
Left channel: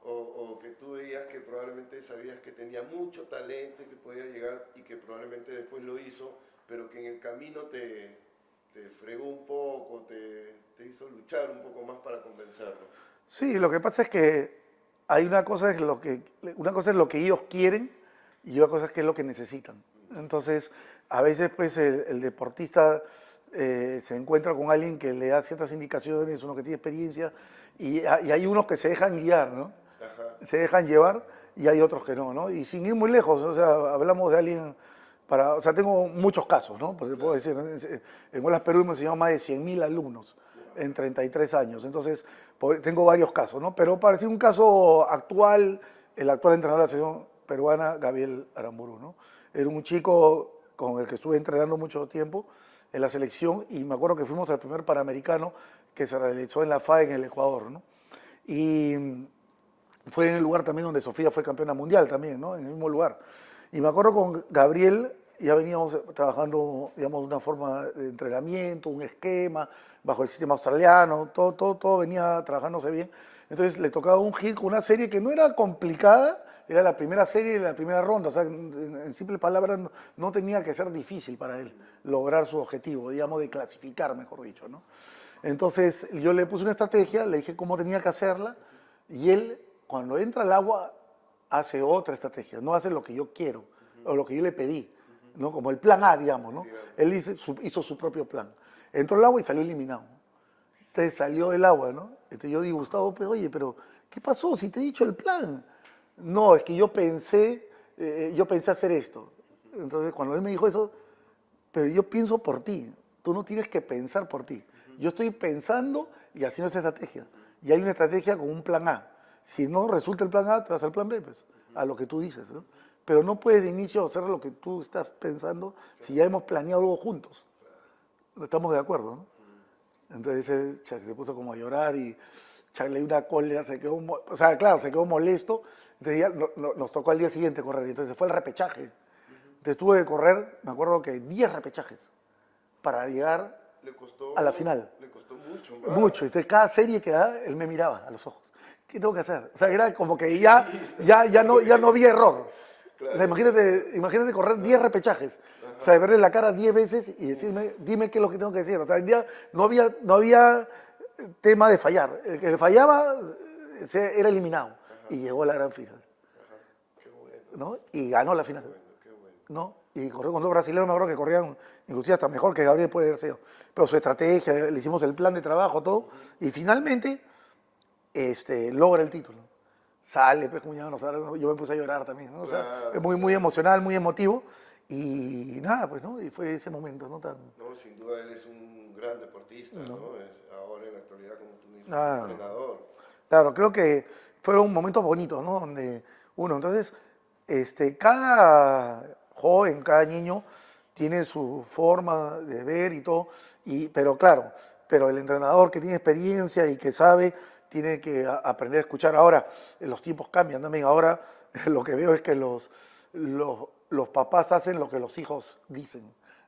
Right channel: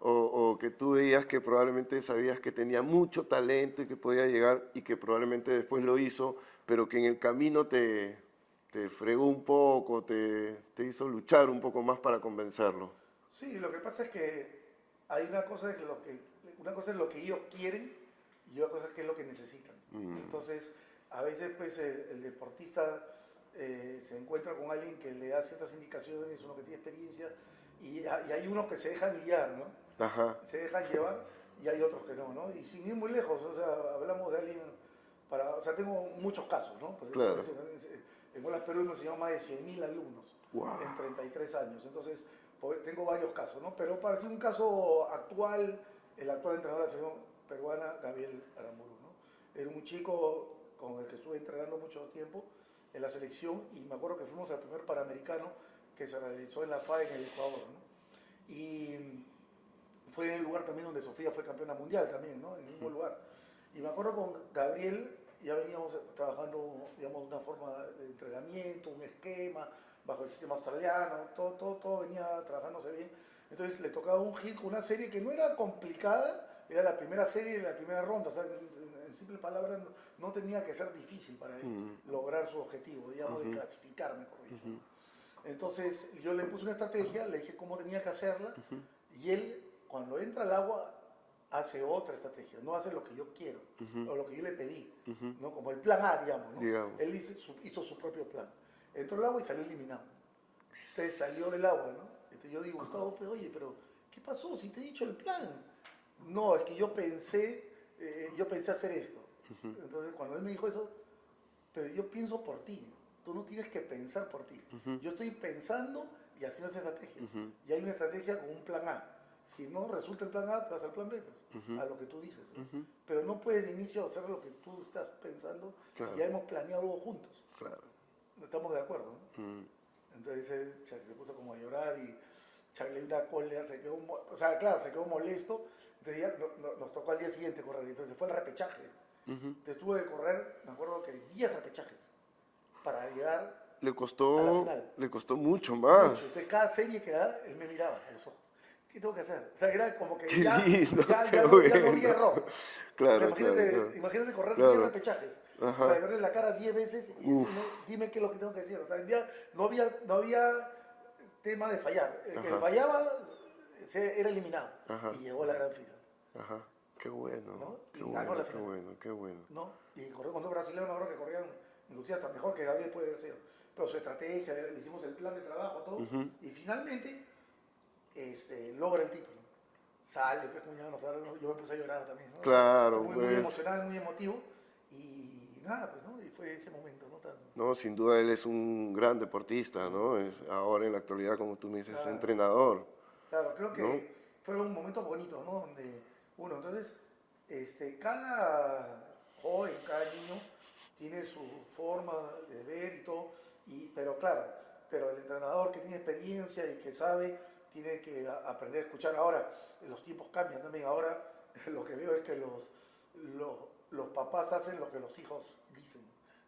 O que tú veías que probablemente sabías que tenía mucho talento y que podía llegar y que probablemente después lo hizo, pero que en el camino te fregó un poco, te hizo luchar un poco más para convencerlo. Sí, lo que pasa es que hay una cosa es lo que ellos quieren y otra cosa es qué es lo que necesitan. Entonces, a veces pues el deportista se encuentra con alguien que le da ciertas indicaciones, uno que tiene experiencia, y hay unos que se dejan guiar, ¿no? Ajá, Se dejan llevar y hay otros que no, ¿no? Y sin ir muy lejos, o sea, hablamos de alguien O sea, tengo muchos casos, ¿no? Pues Claro. puedo decir, en Olas Perú hemos enseñado más de 100.000 alumnos Wow. en 33 años. Entonces, tengo varios casos, ¿no? Pero para decir un caso actual, el actual entrenador de la selección peruana, Gabriel Aramburu, ¿no? Era un chico con el que estuve entrenando mucho tiempo en la selección y me acuerdo que fuimos al primer Panamericano que se realizó en la FA en el Ecuador, ¿no? Y fue en el lugar también donde Sofía fue campeona mundial también, ¿no? En el mismo lugar. Y me acuerdo con Gabriel, ya veníamos trabajando, digamos, de una forma de entrenamiento, un esquema, bajo el sistema australiano, todo venía trabajándose bien. Entonces le tocaba un hit con una serie que no era complicada, era la primera serie de la primera ronda, o sea, en simples palabras, no tenía que ser difícil para él lograr su objetivo, digamos, de clasificar, mejor dicho, ¿no? Entonces yo le puse una estrategia, le dije cómo tenía que hacerla, y él, cuando entra al agua, hace otra estrategia, no hace lo que yo quiero, o lo que yo le pedí, ¿no? Como el plan A, digamos, ¿no? Digamos. Él hizo su propio plan. Entró al agua y salió eliminado. Entonces salió del agua, ¿no? Entonces yo digo, Gustavo, pero, oye, pero ¿qué pasó si te he dicho el plan? No, es que yo pensé hacer esto. Entonces cuando él me dijo eso, pero yo pienso por ti. Tú no tienes que pensar por ti. Yo estoy pensando y haciendo esa estrategia. Y hay una estrategia con un plan A. Si no resulta el plan A, te vas al plan B, pues, a lo que tú dices, ¿no? Pero no puedes de inicio hacer lo que tú estás pensando si ya hemos planeado algo juntos. Claro. Estamos de acuerdo, ¿no? Entonces él se puso como a llorar y le dio una cólera, o sea, claro, se quedó molesto. Entonces ya nos tocó al día siguiente correr. Entonces fue el repechaje. Entonces tuve que correr, me acuerdo que 10 repechajes para llegar Le costó, a la final. le costó mucho más. Mucho. Entonces cada serie que daba, él me miraba a los ojos. ¿Qué tengo que hacer? O sea, era como que Qué ya, lindo, ya, ya, no, ya no había error. Claro, O sea, imagínate, claro. imagínate correr Claro. 10 repechajes. Ajá. O sea, verle la cara 10 veces y decirme, dime qué es lo que tengo que decir. O sea, ya no había tema de fallar. El que fallaba era eliminado. Ajá. Y llegó a la gran final. Ajá. Qué bueno. ¿No? Y ganó la final. Qué bueno, qué bueno. ¿No? Y corrió con dos brasileños, me acuerdo que corrían inclusive hasta mejor que Gabriel puede haber sido. Pero su estrategia, le hicimos el plan de trabajo, todo, y finalmente logra el título. Sale, pues, como ya no sale, yo me puse a llorar también, ¿no? Claro, O sea, muy pues. emocional, muy emotivo, y nada, pues, ¿no? Y fue ese momento, ¿no? No, sin duda él es un gran deportista, ¿no? Ahora en la actualidad, como tú me dices, Claro. entrenador. Claro, creo que fueron momentos bonitos, ¿no? Donde entonces, cada joven, cada niño tiene su forma de ver y todo, pero claro, pero el entrenador que tiene experiencia y que sabe, tiene que aprender a escuchar. Ahora, los tiempos cambian también. Ahora lo que veo es que los papás hacen lo que los hijos dicen,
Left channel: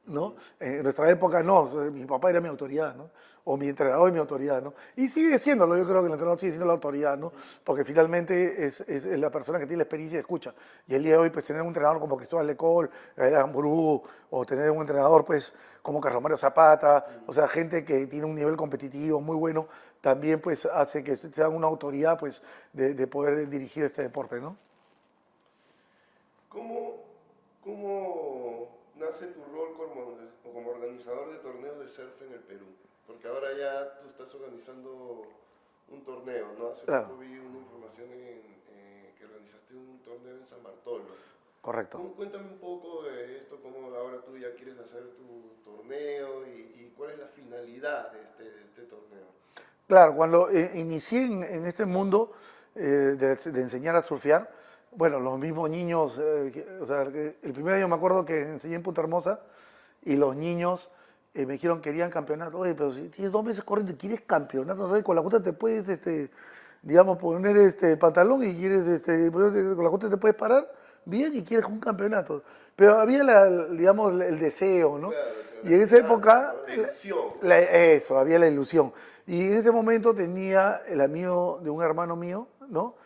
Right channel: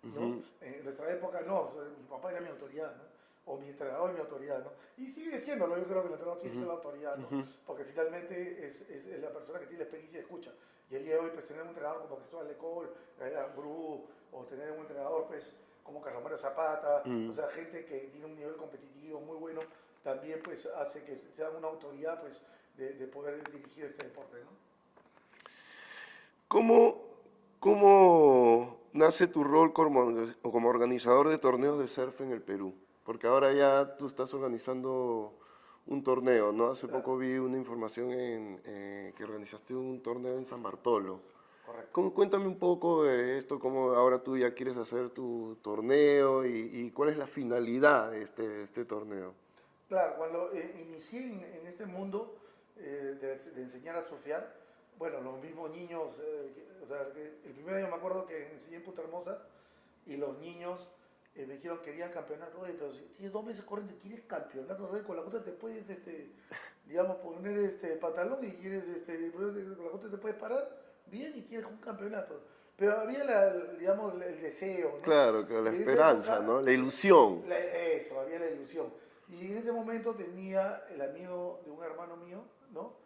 ¿no? En nuestra época no, mi papá era mi autoridad, ¿no? O mi entrenador es mi autoridad, ¿no? Y sigue siéndolo, yo creo que el entrenador sigue siendo la autoridad, ¿no? Porque finalmente es la persona que tiene la experiencia y escucha. Y el día de hoy, pues, tener un entrenador como Cristóbal Lecol, Gabriel Amburú, o tener un entrenador, pues, como Carlos Mario Zapata, o sea, gente que tiene un nivel competitivo muy bueno, también, pues, hace que te dan una autoridad, pues, de poder dirigir este deporte, ¿no? ¿Cómo nace tu rol como organizador de torneos de surf en el Perú? Porque ahora ya tú estás organizando un torneo, ¿no? Hace Claro. poco vi una información que organizaste un torneo en San Bartolo. Correcto. Cuéntame un poco de esto, cómo ahora tú ya quieres hacer tu torneo y cuál es la finalidad de este torneo. Claro, cuando inicié en este mundo de enseñar a surfear, bueno, los mismos niños, o sea, el primer año me acuerdo que enseñé en Punta Hermosa y los niños me dijeron que querían campeonato. Oye, pero si tienes 2 meses corriendo y quieres campeonato, ¿sabes? Con la cuota te puedes, digamos, poner pantalón y quieres, con la cuota te puedes parar bien y quieres un campeonato. Pero había, digamos, el deseo, ¿no? Claro, la Y en esa esperanza, época, ¿no? La ilusión. eso, había la ilusión. Y en ese momento tenía el amigo de un hermano mío, ¿no?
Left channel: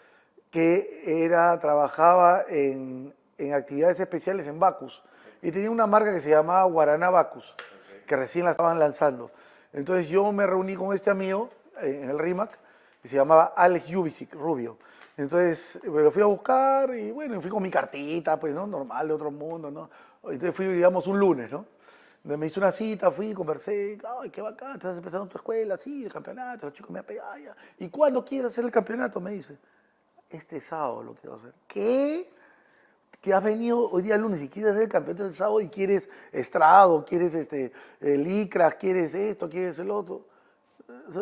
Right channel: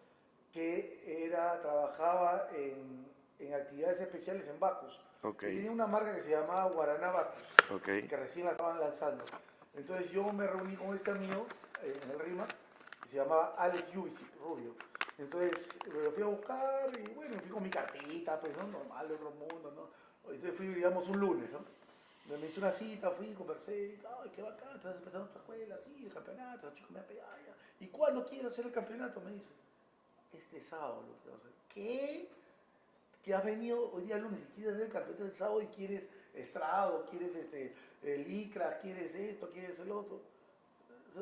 Que trabajaba en actividades especiales en Bacus. Ok. Y tenía una marca que se llamaba Guaraná Bacus, Ok. que recién la estaban lanzando. Entonces yo me reuní con este amigo en el RIMAC, que se llamaba Alex Jubicic, rubio. Entonces me lo fui a buscar y bueno, fui con mi cartita, pues, ¿no? Normal, de otro mundo, ¿no? Entonces fui, digamos, un lunes, ¿no? Me hice una cita, fui, conversé, ay, qué bacán, estás empezando tu escuela, sí, el campeonato, los chicos me apegan, ya. ¿Y cuándo quieres hacer el campeonato? Me dice, este sábado lo quiero hacer. ¿Qué? que has venido hoy día lunes y quieres hacer el campeonato del sábado y quieres estrado, quieres licras, quieres esto, quieres el otro.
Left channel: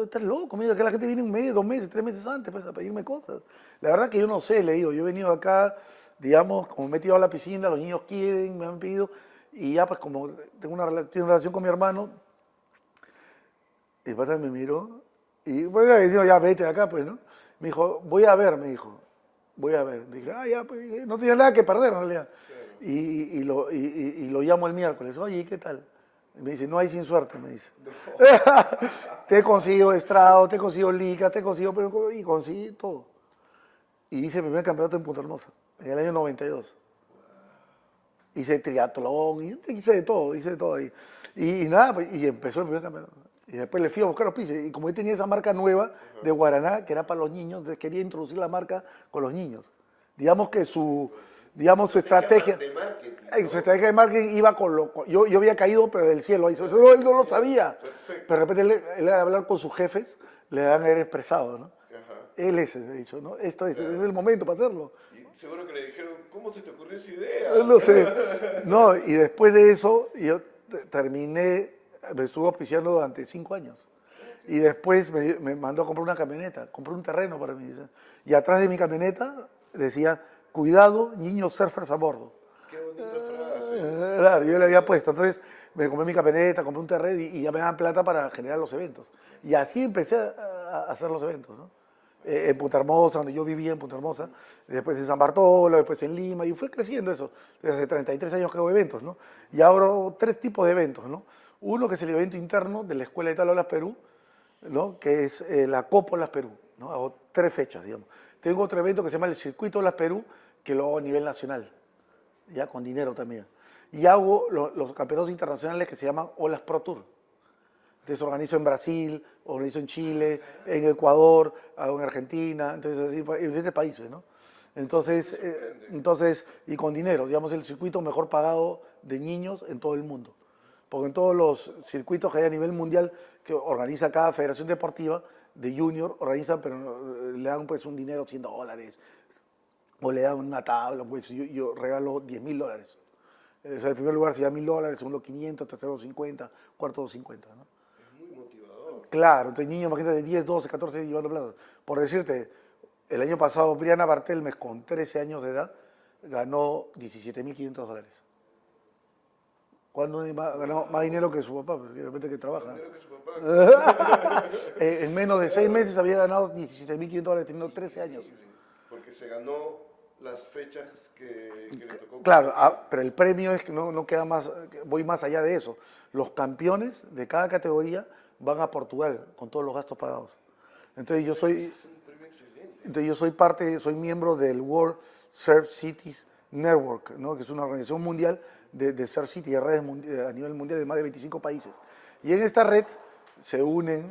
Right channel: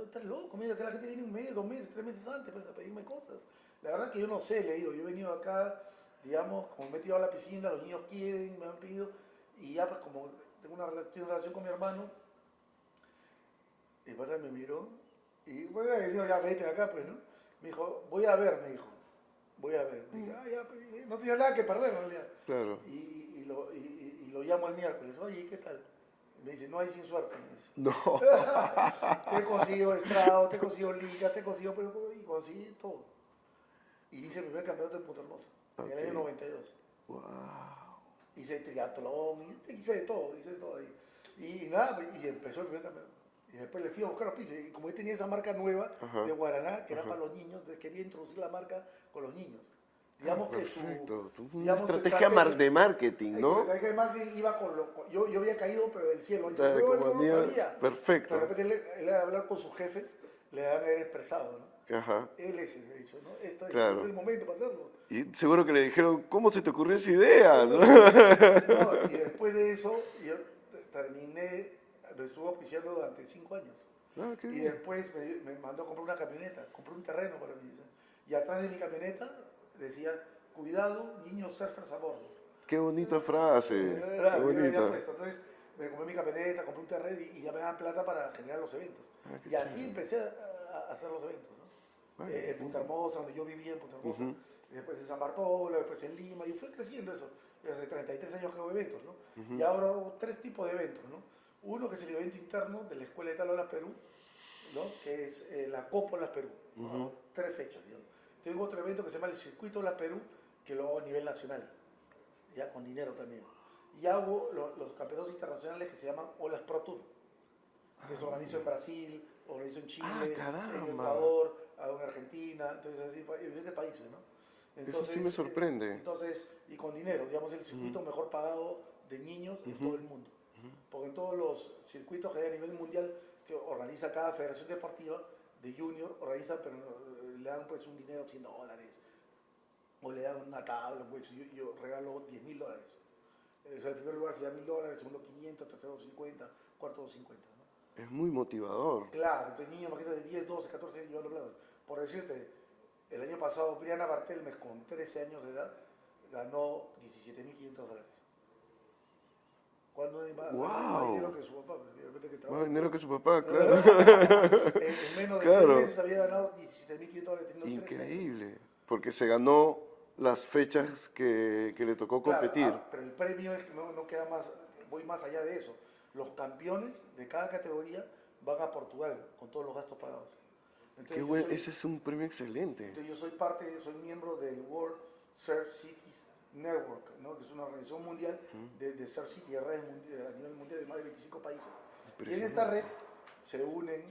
Estás loco, mira que la gente viene un mes, 2 meses, 3 meses antes pues, a pedirme cosas. La verdad que yo no sé, le digo, yo he venido acá, digamos, como me he tirado a la piscina, los niños quieren, me han pedido, y ya pues como tengo una relación con mi hermano, y pasa me miró, y bueno, le digo, ya vete de acá, pues, ¿no? Me dijo, voy a ver, me dijo, voy a ver. Dije, ya, pues, no tenía nada que perder en realidad. Claro. Y lo llamo el miércoles, oye, ¿qué tal? Y me dice, no hay sin suerte, me dice. No. Te consigo estrado, te consigo liga, te consigo, pero y conseguí todo. Y hice el primer campeonato en Punta Hermosa, en el año 92. Wow. Hice triatlón, hice de todo ahí. Y nada, pues, y empezó el primer campeonato. Y después le fui a buscar los pisos. Y como él tenía esa marca nueva de Guaraná, que era para los niños, entonces quería introducir la marca con los niños. Digamos que su estrategia de marketing, ¿no? su estrategia de marketing iba yo había caído, pero del cielo. Ahí, Claro, solo él no como lo sabía. perfecto. Pero de repente él al hablar con sus jefes, le han expresado, ¿no? Ajá. Él es, he dicho, ¿no? Esto es, Claro. es el momento para hacerlo. Y seguro que le dijeron, ¿cómo se te ocurrió esa idea? No sé. No, y después de eso, yo terminé, me estuve auspiciando durante 5 años. Ah, qué Y después me mandó a comprar una camioneta, compré un terreno para mí. Y atrás de mi camioneta decía, cuidado, niños surfers a bordo. Qué bonita frase. Claro, Qué yo le había bonita. puesto. Entonces me compré mi camioneta, compré un terreno y ya me daban plata para generar los eventos. Y así empecé a hacer los eventos, ¿no? En Punta Hermosa, donde yo vivía en Punta Hermosa, después en San Bartolo, después en Lima, y fue creciendo eso. Desde hace 33 años que hago eventos, ¿no? Y ahora hago 3 tipos de eventos, ¿no? Uno que es el evento interno de la Escuela de Tablas Perú, ¿no? Que es la Copa Olas Perú, ¿no? Hago 3 fechas, digamos. Tengo otro evento que se llama el Circuito Olas Perú, que lo hago a nivel nacional, ya con dinero también. Y hago los campeonatos internacionales que se llaman Olas Pro Tour. Entonces organizo en Brasil, organizo en Chile, en Ecuador, hago en Argentina, entonces así, en diferentes países, ¿no? Entonces, Eso sí me sorprende. y con dinero, digamos el circuito mejor pagado de niños en todo el mundo. Porque en todos los circuitos que hay a nivel mundial que organiza cada federación deportiva de junior, organizan, pero le dan pues un dinero, $100, o le dan una tabla, pues yo regalo $10.000. O sea, el primer lugar se da $1.000, segundo 500, tercero 50, cuarto 50, ¿no? Es muy motivador. Claro, entonces niños, imagínate, 10, 12, 14 llevando plata. Por decirte, el año pasado Briana Bartelmes, con 13 años de edad, ganó $17.500. ¿Cuándo ganó más dinero que su papá? Porque de repente que trabaja. Más dinero que su papá. Claro. En menos de Claro. 6 meses había ganado $17.500 teniendo 13 años. Increíble. Porque se ganó las fechas que le tocó Claro, competir. pero el premio es que no queda más, voy más allá de eso. Los campeones de cada categoría van a Portugal con todos los gastos pagados. Entonces yo soy, Ese es un premio excelente. entonces yo soy miembro del World Surf Cities Network, ¿no? Que es una organización mundial de surf city, de redes a nivel mundial de más de 25 países. Y en esta red se une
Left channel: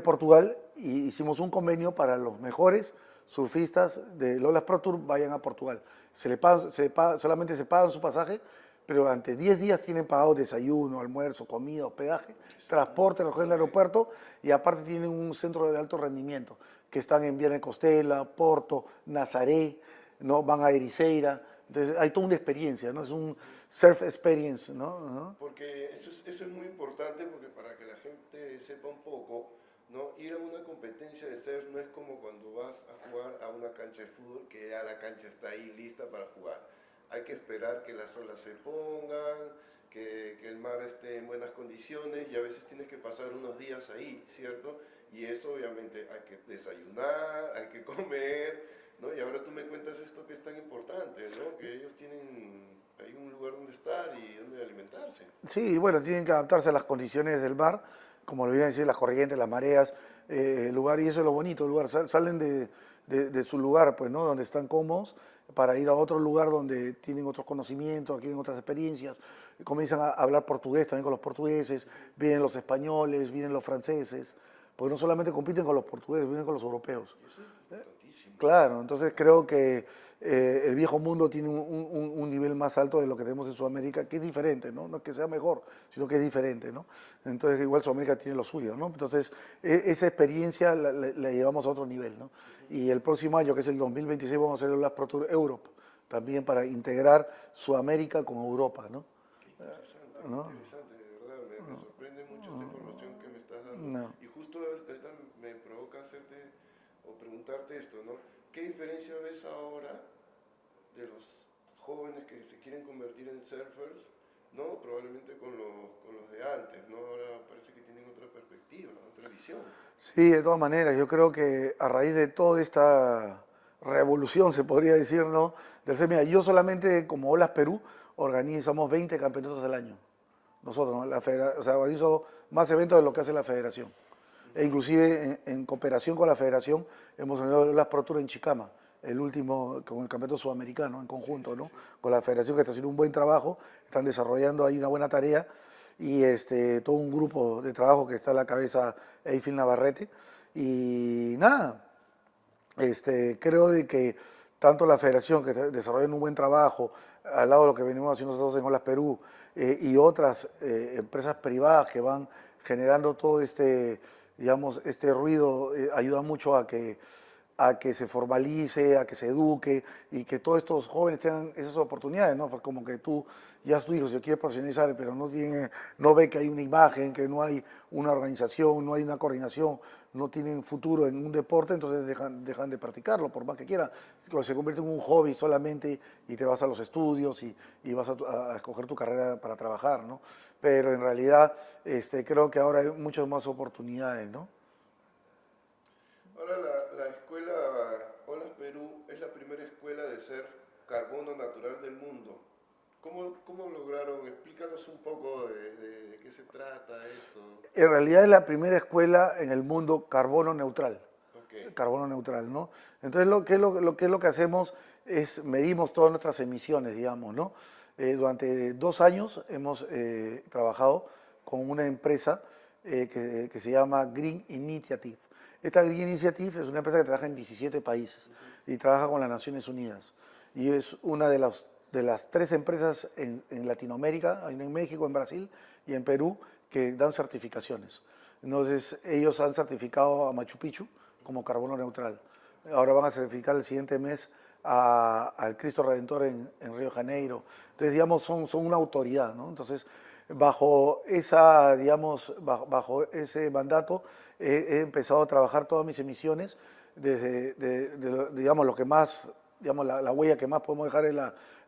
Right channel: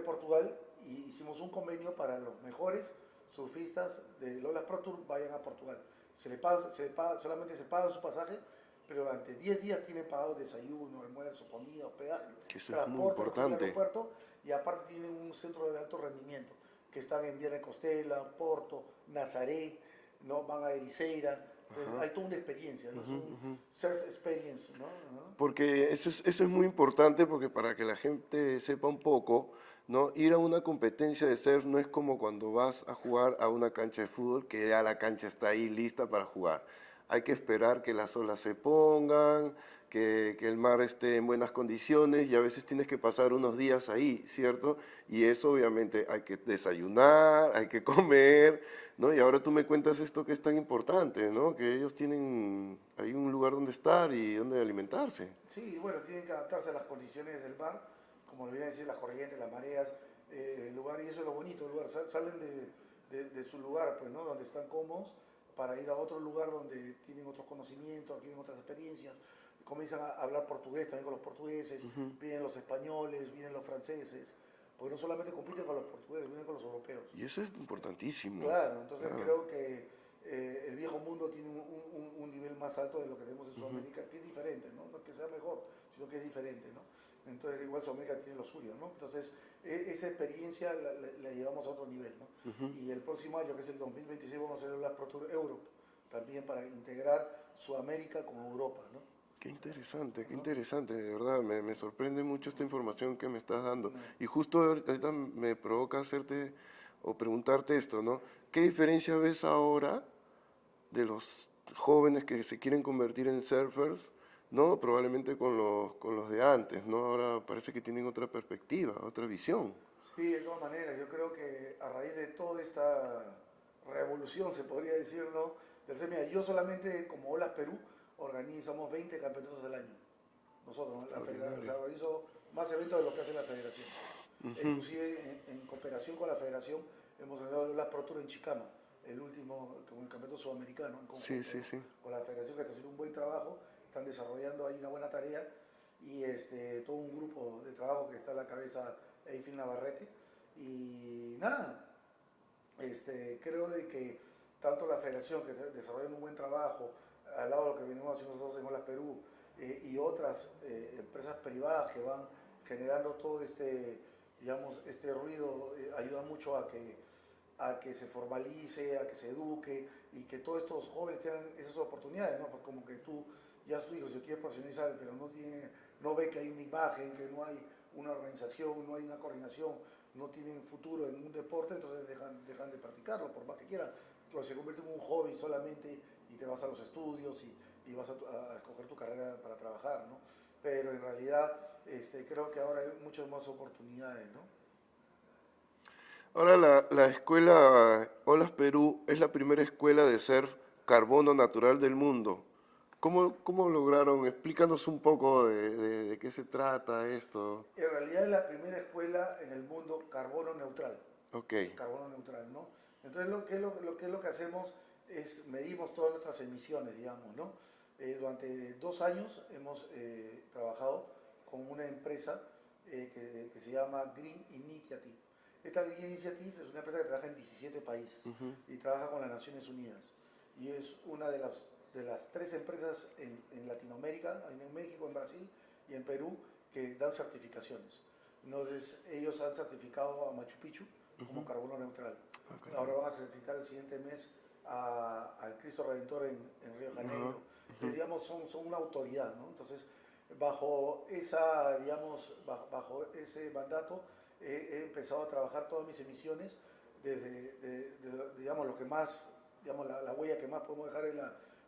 Portugal y hicimos un convenio para los mejores surfistas de Olas Pro Tour vayan a Portugal. Solamente se pagan su pasaje, pero durante 10 días tienen pagado desayuno, almuerzo, comida, hospedaje, transporte, recoger en el aeropuerto y aparte tienen un centro de alto rendimiento que están en Viana Costela, Porto, Nazaré, ¿no? Van a Ericeira. Entonces hay toda una experiencia, ¿no? Es un surf experience, ¿no? Porque eso es muy importante porque para que la gente sepa un poco, ¿no? Ir a una competencia de surf no es como cuando vas a jugar a una cancha de fútbol que ya la cancha está ahí lista para jugar. Hay que esperar que las olas se pongan, que el mar esté en buenas condiciones y a veces tienes que pasar unos días ahí, ¿cierto? Y eso obviamente hay que desayunar, hay que comer, ¿no? Y ahora tú me cuentas esto que es tan importante, ¿no? Que ellos tienen ahí un lugar donde estar y donde alimentarse. Sí, bueno, tienen que adaptarse a las condiciones del mar, como lo iban a decir, las corrientes, las mareas, el lugar, y eso es lo bonito, el lugar. Salen de su lugar, pues, ¿no? Donde están cómodos, para ir a otro lugar donde tienen otros conocimientos, tienen otras experiencias, comienzan a hablar portugués también con los portugueses, vienen los españoles, vienen los franceses, porque no solamente compiten con los portugueses, vienen con los europeos. Y eso es importantísimo. Claro, entonces creo que el viejo mundo tiene un nivel más alto de lo que tenemos en Sudamérica, que es diferente, ¿no? No es que sea mejor, sino que es diferente, ¿no? Entonces igual Sudamérica tiene lo suyo, ¿no? Entonces esa experiencia la llevamos a otro nivel, ¿no? Y el próximo año, que es el 2026, vamos a hacer las Pro Tour Europe, también para integrar Sudamérica con Europa, ¿no? Qué interesante, qué ¿No? interesante, de verdad, me sorprende mucho esta información que me estás dando. No. Y justo ahorita me provoca hacerte o preguntarte esto, ¿no? ¿Qué diferencia ves ahora de los jóvenes que se quieren convertir en surfers, ¿no? Probablemente con los de antes, ¿no? Ahora parece que tienen otra perspectiva, otra visión. Sí, de todas maneras, yo creo que a raíz de toda esta revolución, se podría decir, ¿no? Mira, yo solamente como Olas Perú organizamos 20 campeonatos al año. Nosotros, ¿no? O sea, organizo más eventos de lo que hace la federación. E inclusive en cooperación con la federación hemos organizado las Pro Tour en Chicama, el último con el campeonato sudamericano en conjunto, Sí, sí, ¿no? sí. Con la federación que está haciendo un buen trabajo, están desarrollando ahí una buena tarea y todo un grupo de trabajo que está a la cabeza Eiffel Navarrete. Y nada, creo de que tanto la federación que está desarrollando un buen trabajo, al lado de lo que venimos haciendo nosotros en Olas Perú, y otras empresas privadas que van generando todo digamos, este ruido, ayuda mucho a que se formalice, a que se eduque y que todos estos jóvenes tengan esas oportunidades, ¿no? Porque como que tú, ya tu hijo se quiere profesionalizar, pero no ve que hay una imagen, que no hay una organización, no hay una coordinación, no tienen futuro en un deporte, entonces dejan de practicarlo, por más que quieran. Se convierte en un hobby solamente y te vas a los estudios y vas a escoger tu carrera para trabajar, ¿no? Pero en realidad creo que ahora hay muchas más oportunidades, ¿no? Ahora la escuela Olas Perú es la primera escuela de surf carbono natural del mundo. ¿Cómo lograron? Explícanos un poco de qué se trata esto. En realidad es la primera escuela en el mundo carbono neutral. Ok. Carbono neutral, ¿no? Entonces, lo que hacemos es medimos todas nuestras emisiones, digamos, ¿no? Durante 2 años hemos trabajado con una empresa que se llama Green Initiative. Esta Green Initiative es una empresa que trabaja en 17 países y trabaja con las Naciones Unidas. Y es una de las 3 empresas en Latinoamérica, en México, en Brasil y en Perú, que dan certificaciones. Entonces, ellos han certificado a Machu Picchu como carbono neutral. Ahora van a certificar el siguiente mes al Cristo Redentor en Río de Janeiro. Entonces, digamos, son una autoridad, ¿no? Entonces, bajo ese mandato, he empezado a trabajar todas mis emisiones, desde, digamos, lo que más, digamos, la huella que más podemos dejar es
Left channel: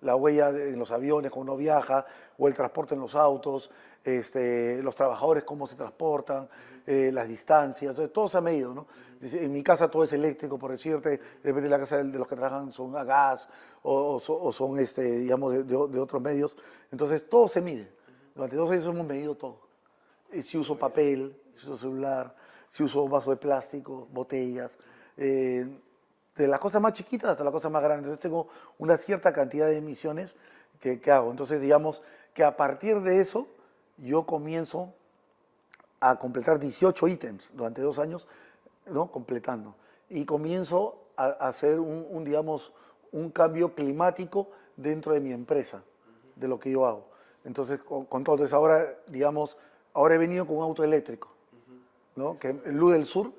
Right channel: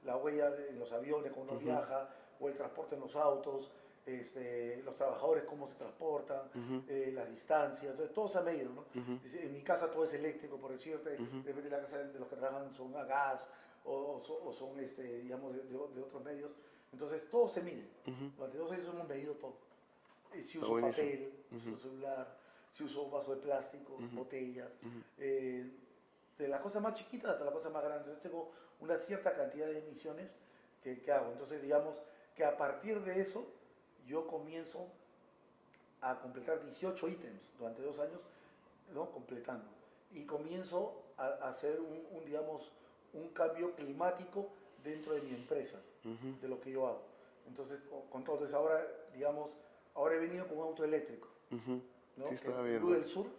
la huella en los aviones cuando uno viaja, o el transporte en los autos, los trabajadores cómo se transportan, las distancias, entonces todo se ha medido, ¿no? En mi casa todo es eléctrico, por decirte, depende de la casa de los que trabajan son a gas o son, digamos, de otros medios, entonces todo se mide. Durante 2 años hemos medido todo. Si uso papel, si uso celular, si uso vaso de plástico, botellas, de las cosas más chiquitas hasta las cosas más grandes. Entonces tengo una cierta cantidad de emisiones que hago. Entonces digamos que a partir de eso yo comienzo a completar 18 ítems durante 2 años, ¿no? Completando. Y comienzo a hacer digamos, un cambio climático dentro de mi empresa, de lo que yo hago. Entonces, con todo. Entonces ahora, digamos, ahora he venido con un auto eléctrico, ¿no? Sí, Que estaba el viendo. Luz del Sur,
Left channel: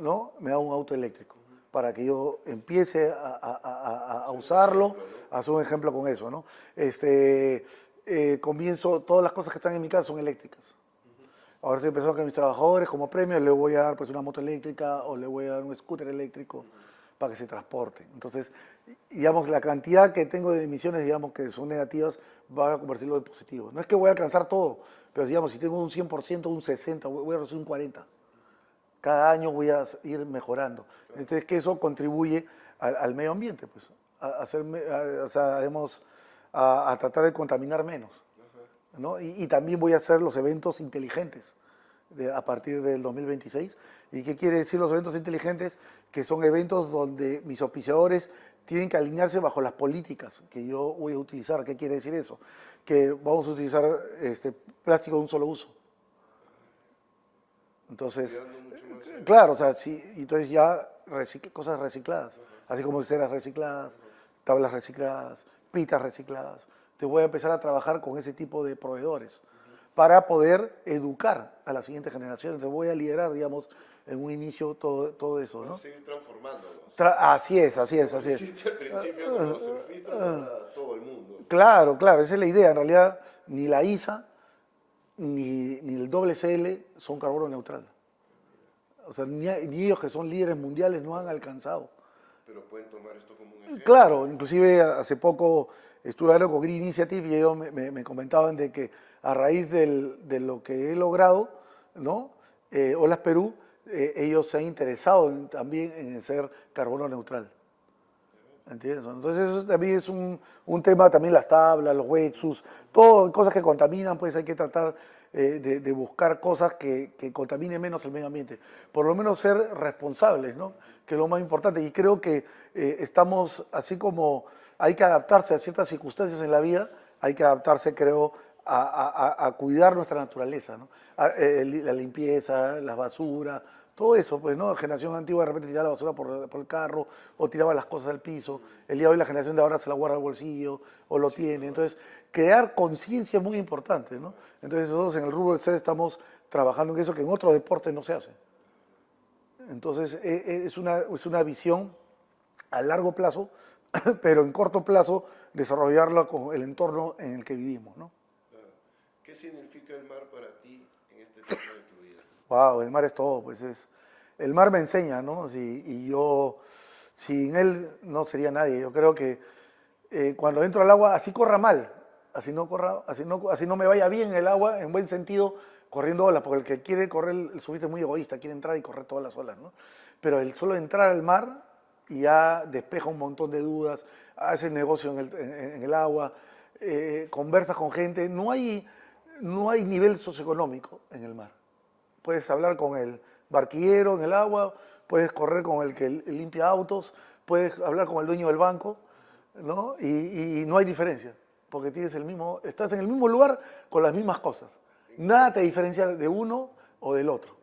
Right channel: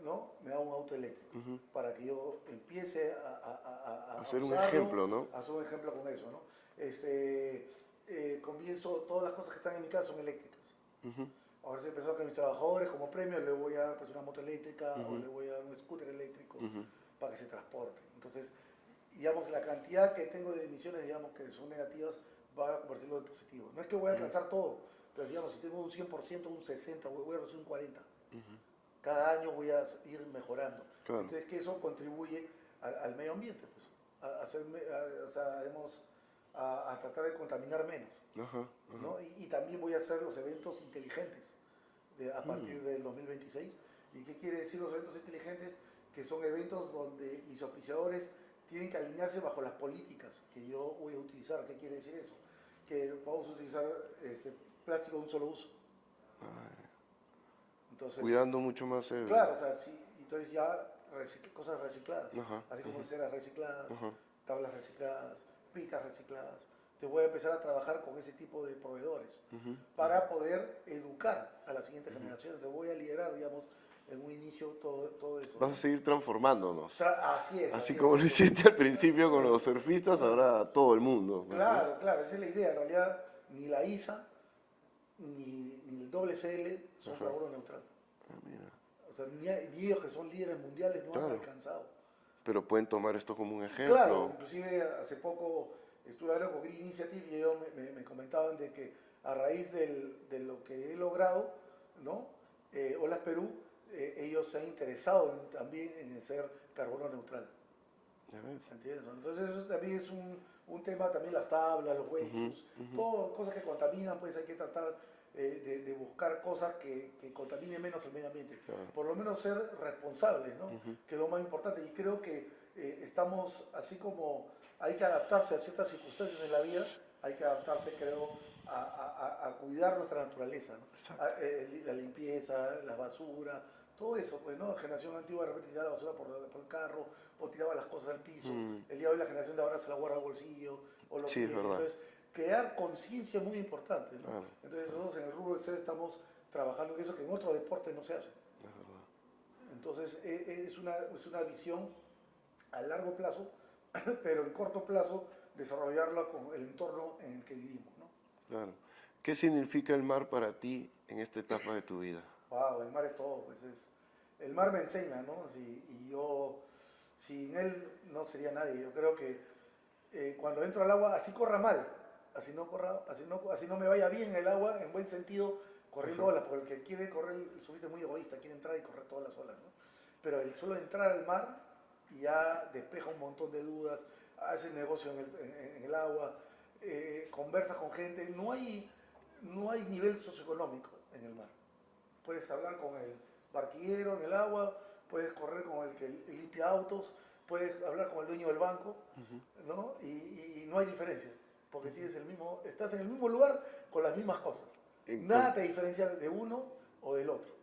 ¿no? Me da un auto eléctrico para que yo empiece a Hacer un usarlo, ejemplo, ¿no? a hacer un ejemplo con eso, ¿no? Comienzo, todas las cosas que están en mi casa son eléctricas. Ahora estoy pensando que a mis trabajadores como premio les voy a dar pues una moto eléctrica o le voy a dar un scooter eléctrico para que se transporten. Entonces, digamos, la cantidad que tengo de emisiones, digamos, que son negativas, va a convertirlo en positivo. No es que voy a alcanzar todo, pero digamos, si tengo un 100%, un 60%, voy a recibir un 40%. Cada año voy a ir mejorando. Claro. Entonces, que eso contribuye al medio ambiente, pues, o sea, a tratar de contaminar menos. Ajá. ¿No? Y también voy a hacer los eventos inteligentes a partir del 2026. ¿Y qué quiere decir los eventos inteligentes? Que son eventos donde mis auspiciadores tienen que alinearse bajo las políticas que yo voy a utilizar. ¿Qué quiere decir eso? Que vamos a utilizar plástico de un solo uso. Entonces, Cuidando mucho más claro, o sea, sí, entonces ya cosas recicladas, Ajá. así como ceras recicladas, tablas recicladas, pitas recicladas. Te voy a empezar a trabajar con ese tipo de proveedores para poder educar a la siguiente generación. Te voy a liderar, digamos, en un inicio todo eso, ¿no? Vas a seguir transformándonos. Así es, Así así es. como lo Así es. hiciste al principio con los surfistas, ahora todo el mundo. Claro, claro, esa es la idea. En realidad, ni la ISA ni el WSL son carbono neutral. O sea, ni ellos que son líderes mundiales no han alcanzado. Pero pueden tomar esto como un ejemplo. Claro, inclusive hace poco estuve hablando con Green Initiative y ellos me comentaban de que a raíz de lo que he logrado, ¿no? Olas Perú, ellos se han interesado también en ser carbono neutral. ¿Entiendes? Entonces eso también es un tema, también las tablas, los wetsuits, todo, cosas que contaminan, pues hay que tratar de buscar cosas que contaminen menos el medio ambiente. Por lo menos ser responsables, ¿no? Que es lo más importante. Y creo que estamos, así como hay que adaptarse a ciertas circunstancias en la vida, hay que adaptarse, creo, a cuidar nuestra naturaleza, ¿no? La limpieza, las basuras, todo eso, pues, ¿no? La generación antigua de repente tiraba la basura por el carro o tiraba las cosas al piso. El día de hoy la generación de ahora se la guarda al bolsillo o lo tiene. Entonces, crear conciencia es muy importante, ¿no? Entonces, nosotros en el rubro del ser estamos trabajando en eso que en otros deportes no se hace. Entonces, es una visión a largo plazo, pero en corto plazo desarrollarla con el entorno en el que vivimos, ¿no? Claro. ¿Qué significa el mar para ti en esta etapa de tu vida? Wow, el mar es todo, pues el mar me enseña, ¿no? Y yo, sin él no sería nadie. Yo creo que cuando entro al agua, así corra mal, así no me vaya bien el agua, en buen sentido, corriendo olas, porque el que quiere correr el surfista es muy egoísta, quiere entrar y correr todas las olas, ¿no? Pero el solo entrar al mar ya despeja un montón de dudas, haces negocio en el agua, conversas con gente, no hay nivel socioeconómico en el mar. Puedes hablar con el barquillero en el agua, puedes correr con el que limpia autos, puedes hablar con el dueño del banco, ¿no? Y no hay diferencia, porque estás en el mismo lugar con las mismas cosas. Nada te diferencia de uno o del otro,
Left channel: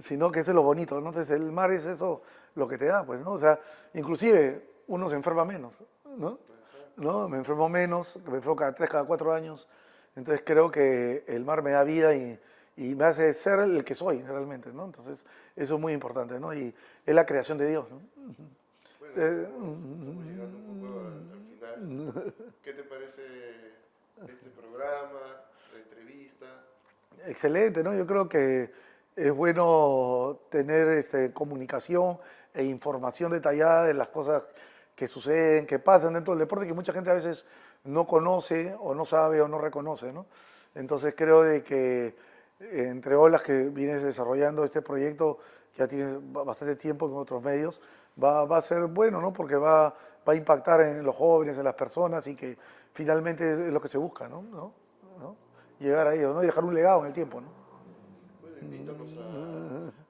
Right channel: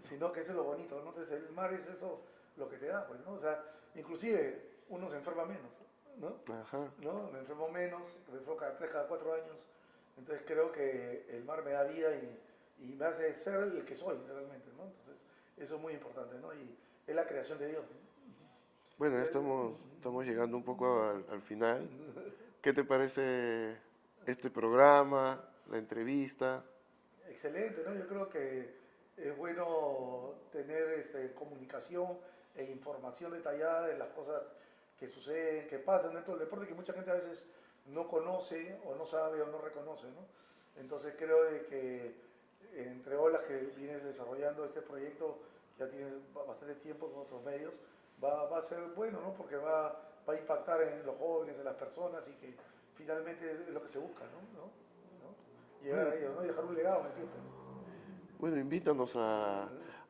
sino que eso es lo bonito, ¿no? Entonces el mar es eso lo que te da, pues, ¿no? O sea, inclusive uno se enferma menos, ¿no? ¿No? Me enfermo menos, me enfermo cada 3, cada 4 años, entonces creo que el mar me da vida y me hace ser el que soy realmente, ¿no? Entonces, eso es muy importante, ¿no? Y es la creación de Dios, ¿no? Bueno, estamos llegando un poco al final. ¿Qué te parece este programa, la entrevista? Excelente, ¿no? Yo creo que es bueno tener comunicación e información detallada de las cosas que suceden, que pasan dentro del deporte, que mucha gente a veces no conoce o no sabe o no reconoce, ¿no? Entonces creo de que entre olas que vienes desarrollando este proyecto, ya tienes bastante tiempo en otros medios, va a ser bueno, ¿no? Porque va a impactar en los jóvenes, en las personas y que finalmente es lo que se busca, ¿no? Llegar a ello, ¿no? Y dejar un legado en el tiempo, ¿no? Bueno, invítanos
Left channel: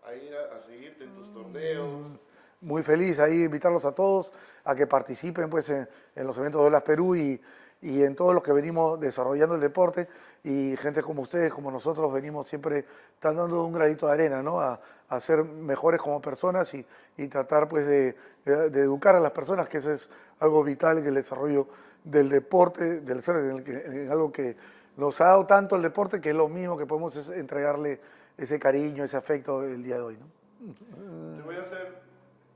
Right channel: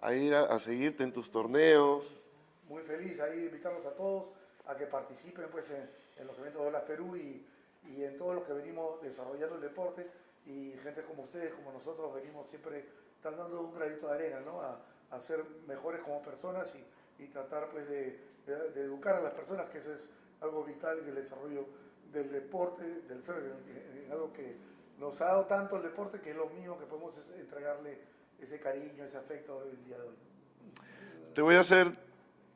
a ir a seguirte en tus torneos. Muy feliz ahí invitarlos a todos a que participen pues en los eventos de Olas Perú y en todo lo que venimos desarrollando el deporte, y gente como ustedes, como nosotros, venimos siempre dando un granito de arena, ¿no? A ser mejores como personas y tratar pues de educar a las personas, que eso es algo vital en el desarrollo del deporte, del ser, en algo que nos ha dado tanto el deporte, que es lo mismo que podemos entregarle ese cariño, ese afecto el día de hoy, ¿no? Te voy a hacer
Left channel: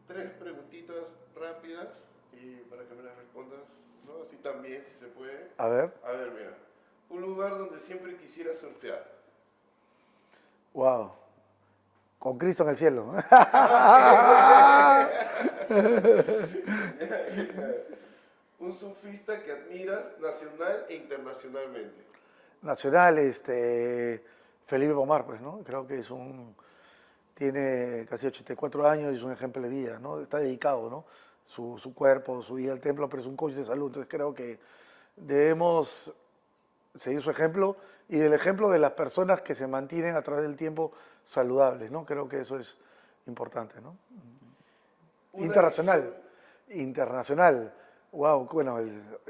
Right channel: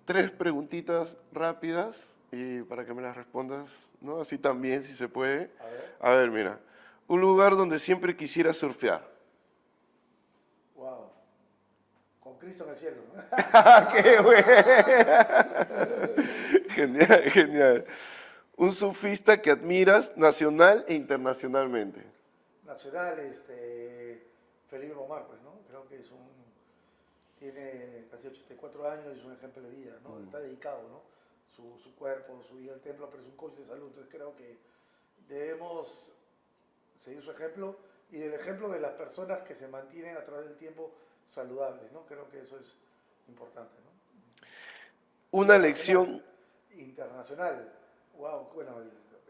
3 preguntitas rápidas y para que me las respondas, ¿no? Así también, si se puede. A ver. A ver, mira. Un lugar donde siempre quisiera surfear. Wow. Con Cristo en el cielo. Genial, genial. Un surfista que admiras nacional e internacionalmente. Nacional, Felipe Pomar, pues, ¿no? Creo que tiene casi 84 años y es un ejemplo de vida, ¿no? Está dedicado, ¿no? Su cuerpo, su vida al templo, pero es un coach de salud. Entonces creo que debemos seguir su ejemplo y el ejemplo de las personas que se mantienen a través del tiempo saludables, ¿no? Creo que eso es importante, ¿no? Una lección. Internacional. Wow, bueno,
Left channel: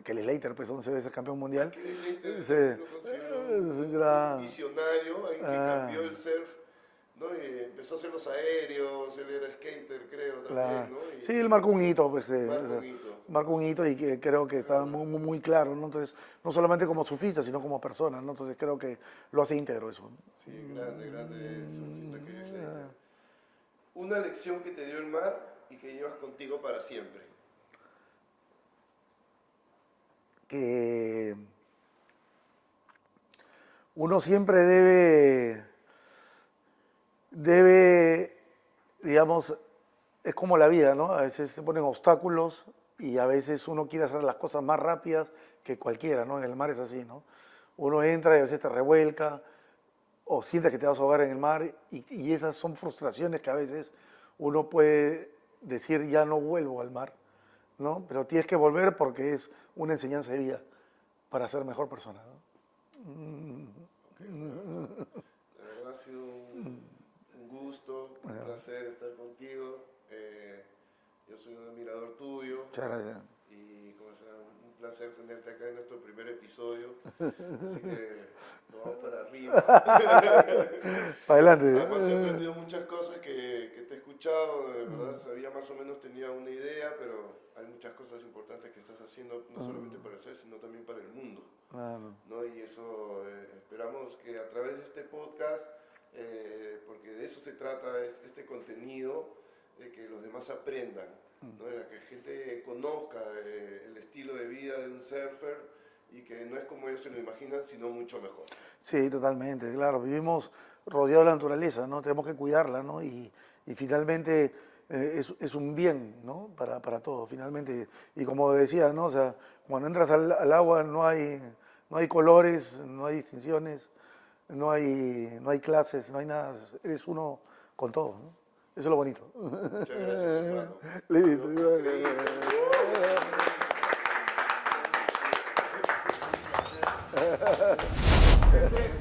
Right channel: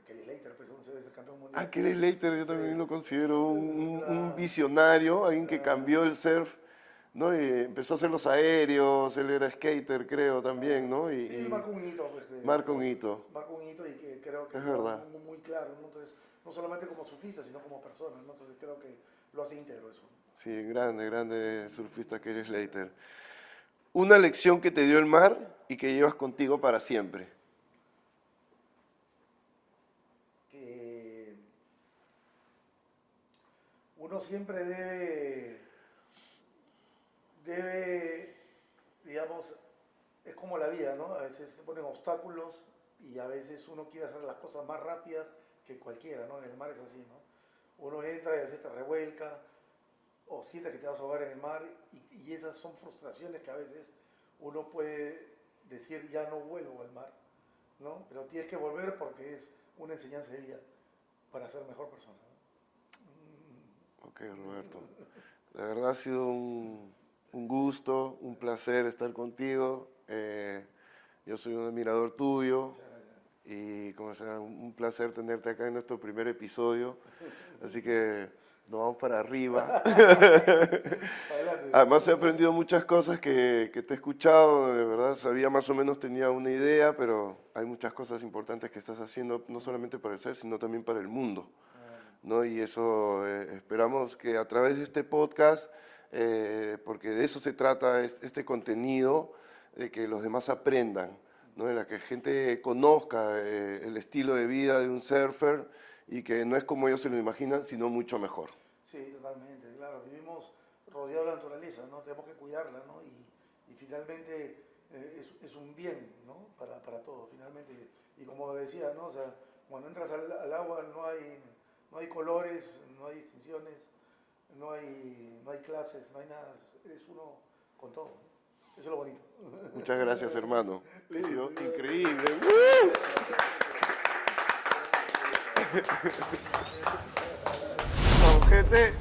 Kelly Slater, pues 11 veces campeón mundial. Kelly Slater yo Sí. también lo considero un visionario, alguien que cambió el surf, ¿no? Y empezó a hacer los aéreos, él era skater, creo, también, ¿no? Sí, él marcó un hito. Pues, marcó un hito. Marcó un hito y que creo que está muy claro, ¿no? Entonces, no solamente como surfista, sino como persona, ¿no? Entonces creo que lo hace íntegro eso. Sí, grande surfista Kelly Slater. una lección que te dio el mar y que llevas contigo para siempre. Que uno siempre debe, digamos, es como la vida, ¿no? A veces se ponen obstáculos y a veces uno quiere hacer las cosas más rápidas que cualquiera, ¿no? En el mar es así, ¿no? Uno entra y a veces te revuelca o sientes que te vas a ahogar en el mar y esas son frustraciones que a veces uno puede decir ya no vuelvo al mar, ¿no? Pero tienes que volver porque es una enseñanza de vida para ser mejor persona, ¿no? Ok, Roberto. La verdad ha sido un gusto, un placer estar contigo. Yo soy un admirador tuyo. Muchas gracias. Y como sea, un placer tenerte acá en nuestro primer episodio. Así que nos vamos para arriba. Adelante. Además he aprendido muchas cosas que te he escuchado, de verdad, sabía más o menos, tenía una idea, pero hay muchas cosas importantes que estás haciendo, no solamente para el ser, sino también para el mundo, ¿no? Y eso esperamos que a través de este podcast, porque de eso se trata este contenido, de que los demás aprendan, ¿no? De la que gente conozca el estilo de vida de un surfer y que no es como ellos se lo imaginan, sino mucho mejor. Sí, totalmente, claro. Vivimos rodeados de la naturaleza, ¿no? Tenemos que cuidarla, ¿no? Y finalmente es un bien, ¿no? Para todos, finalmente. Y como decía, ¿no? O sea, cuando entras al agua no hay colores, no hay distinciones, no hay clases, no hay nada. Eres uno con todo, ¿no? Eso es lo bonito. Muchas gracias, hermano. Listo. Increíble. Gente.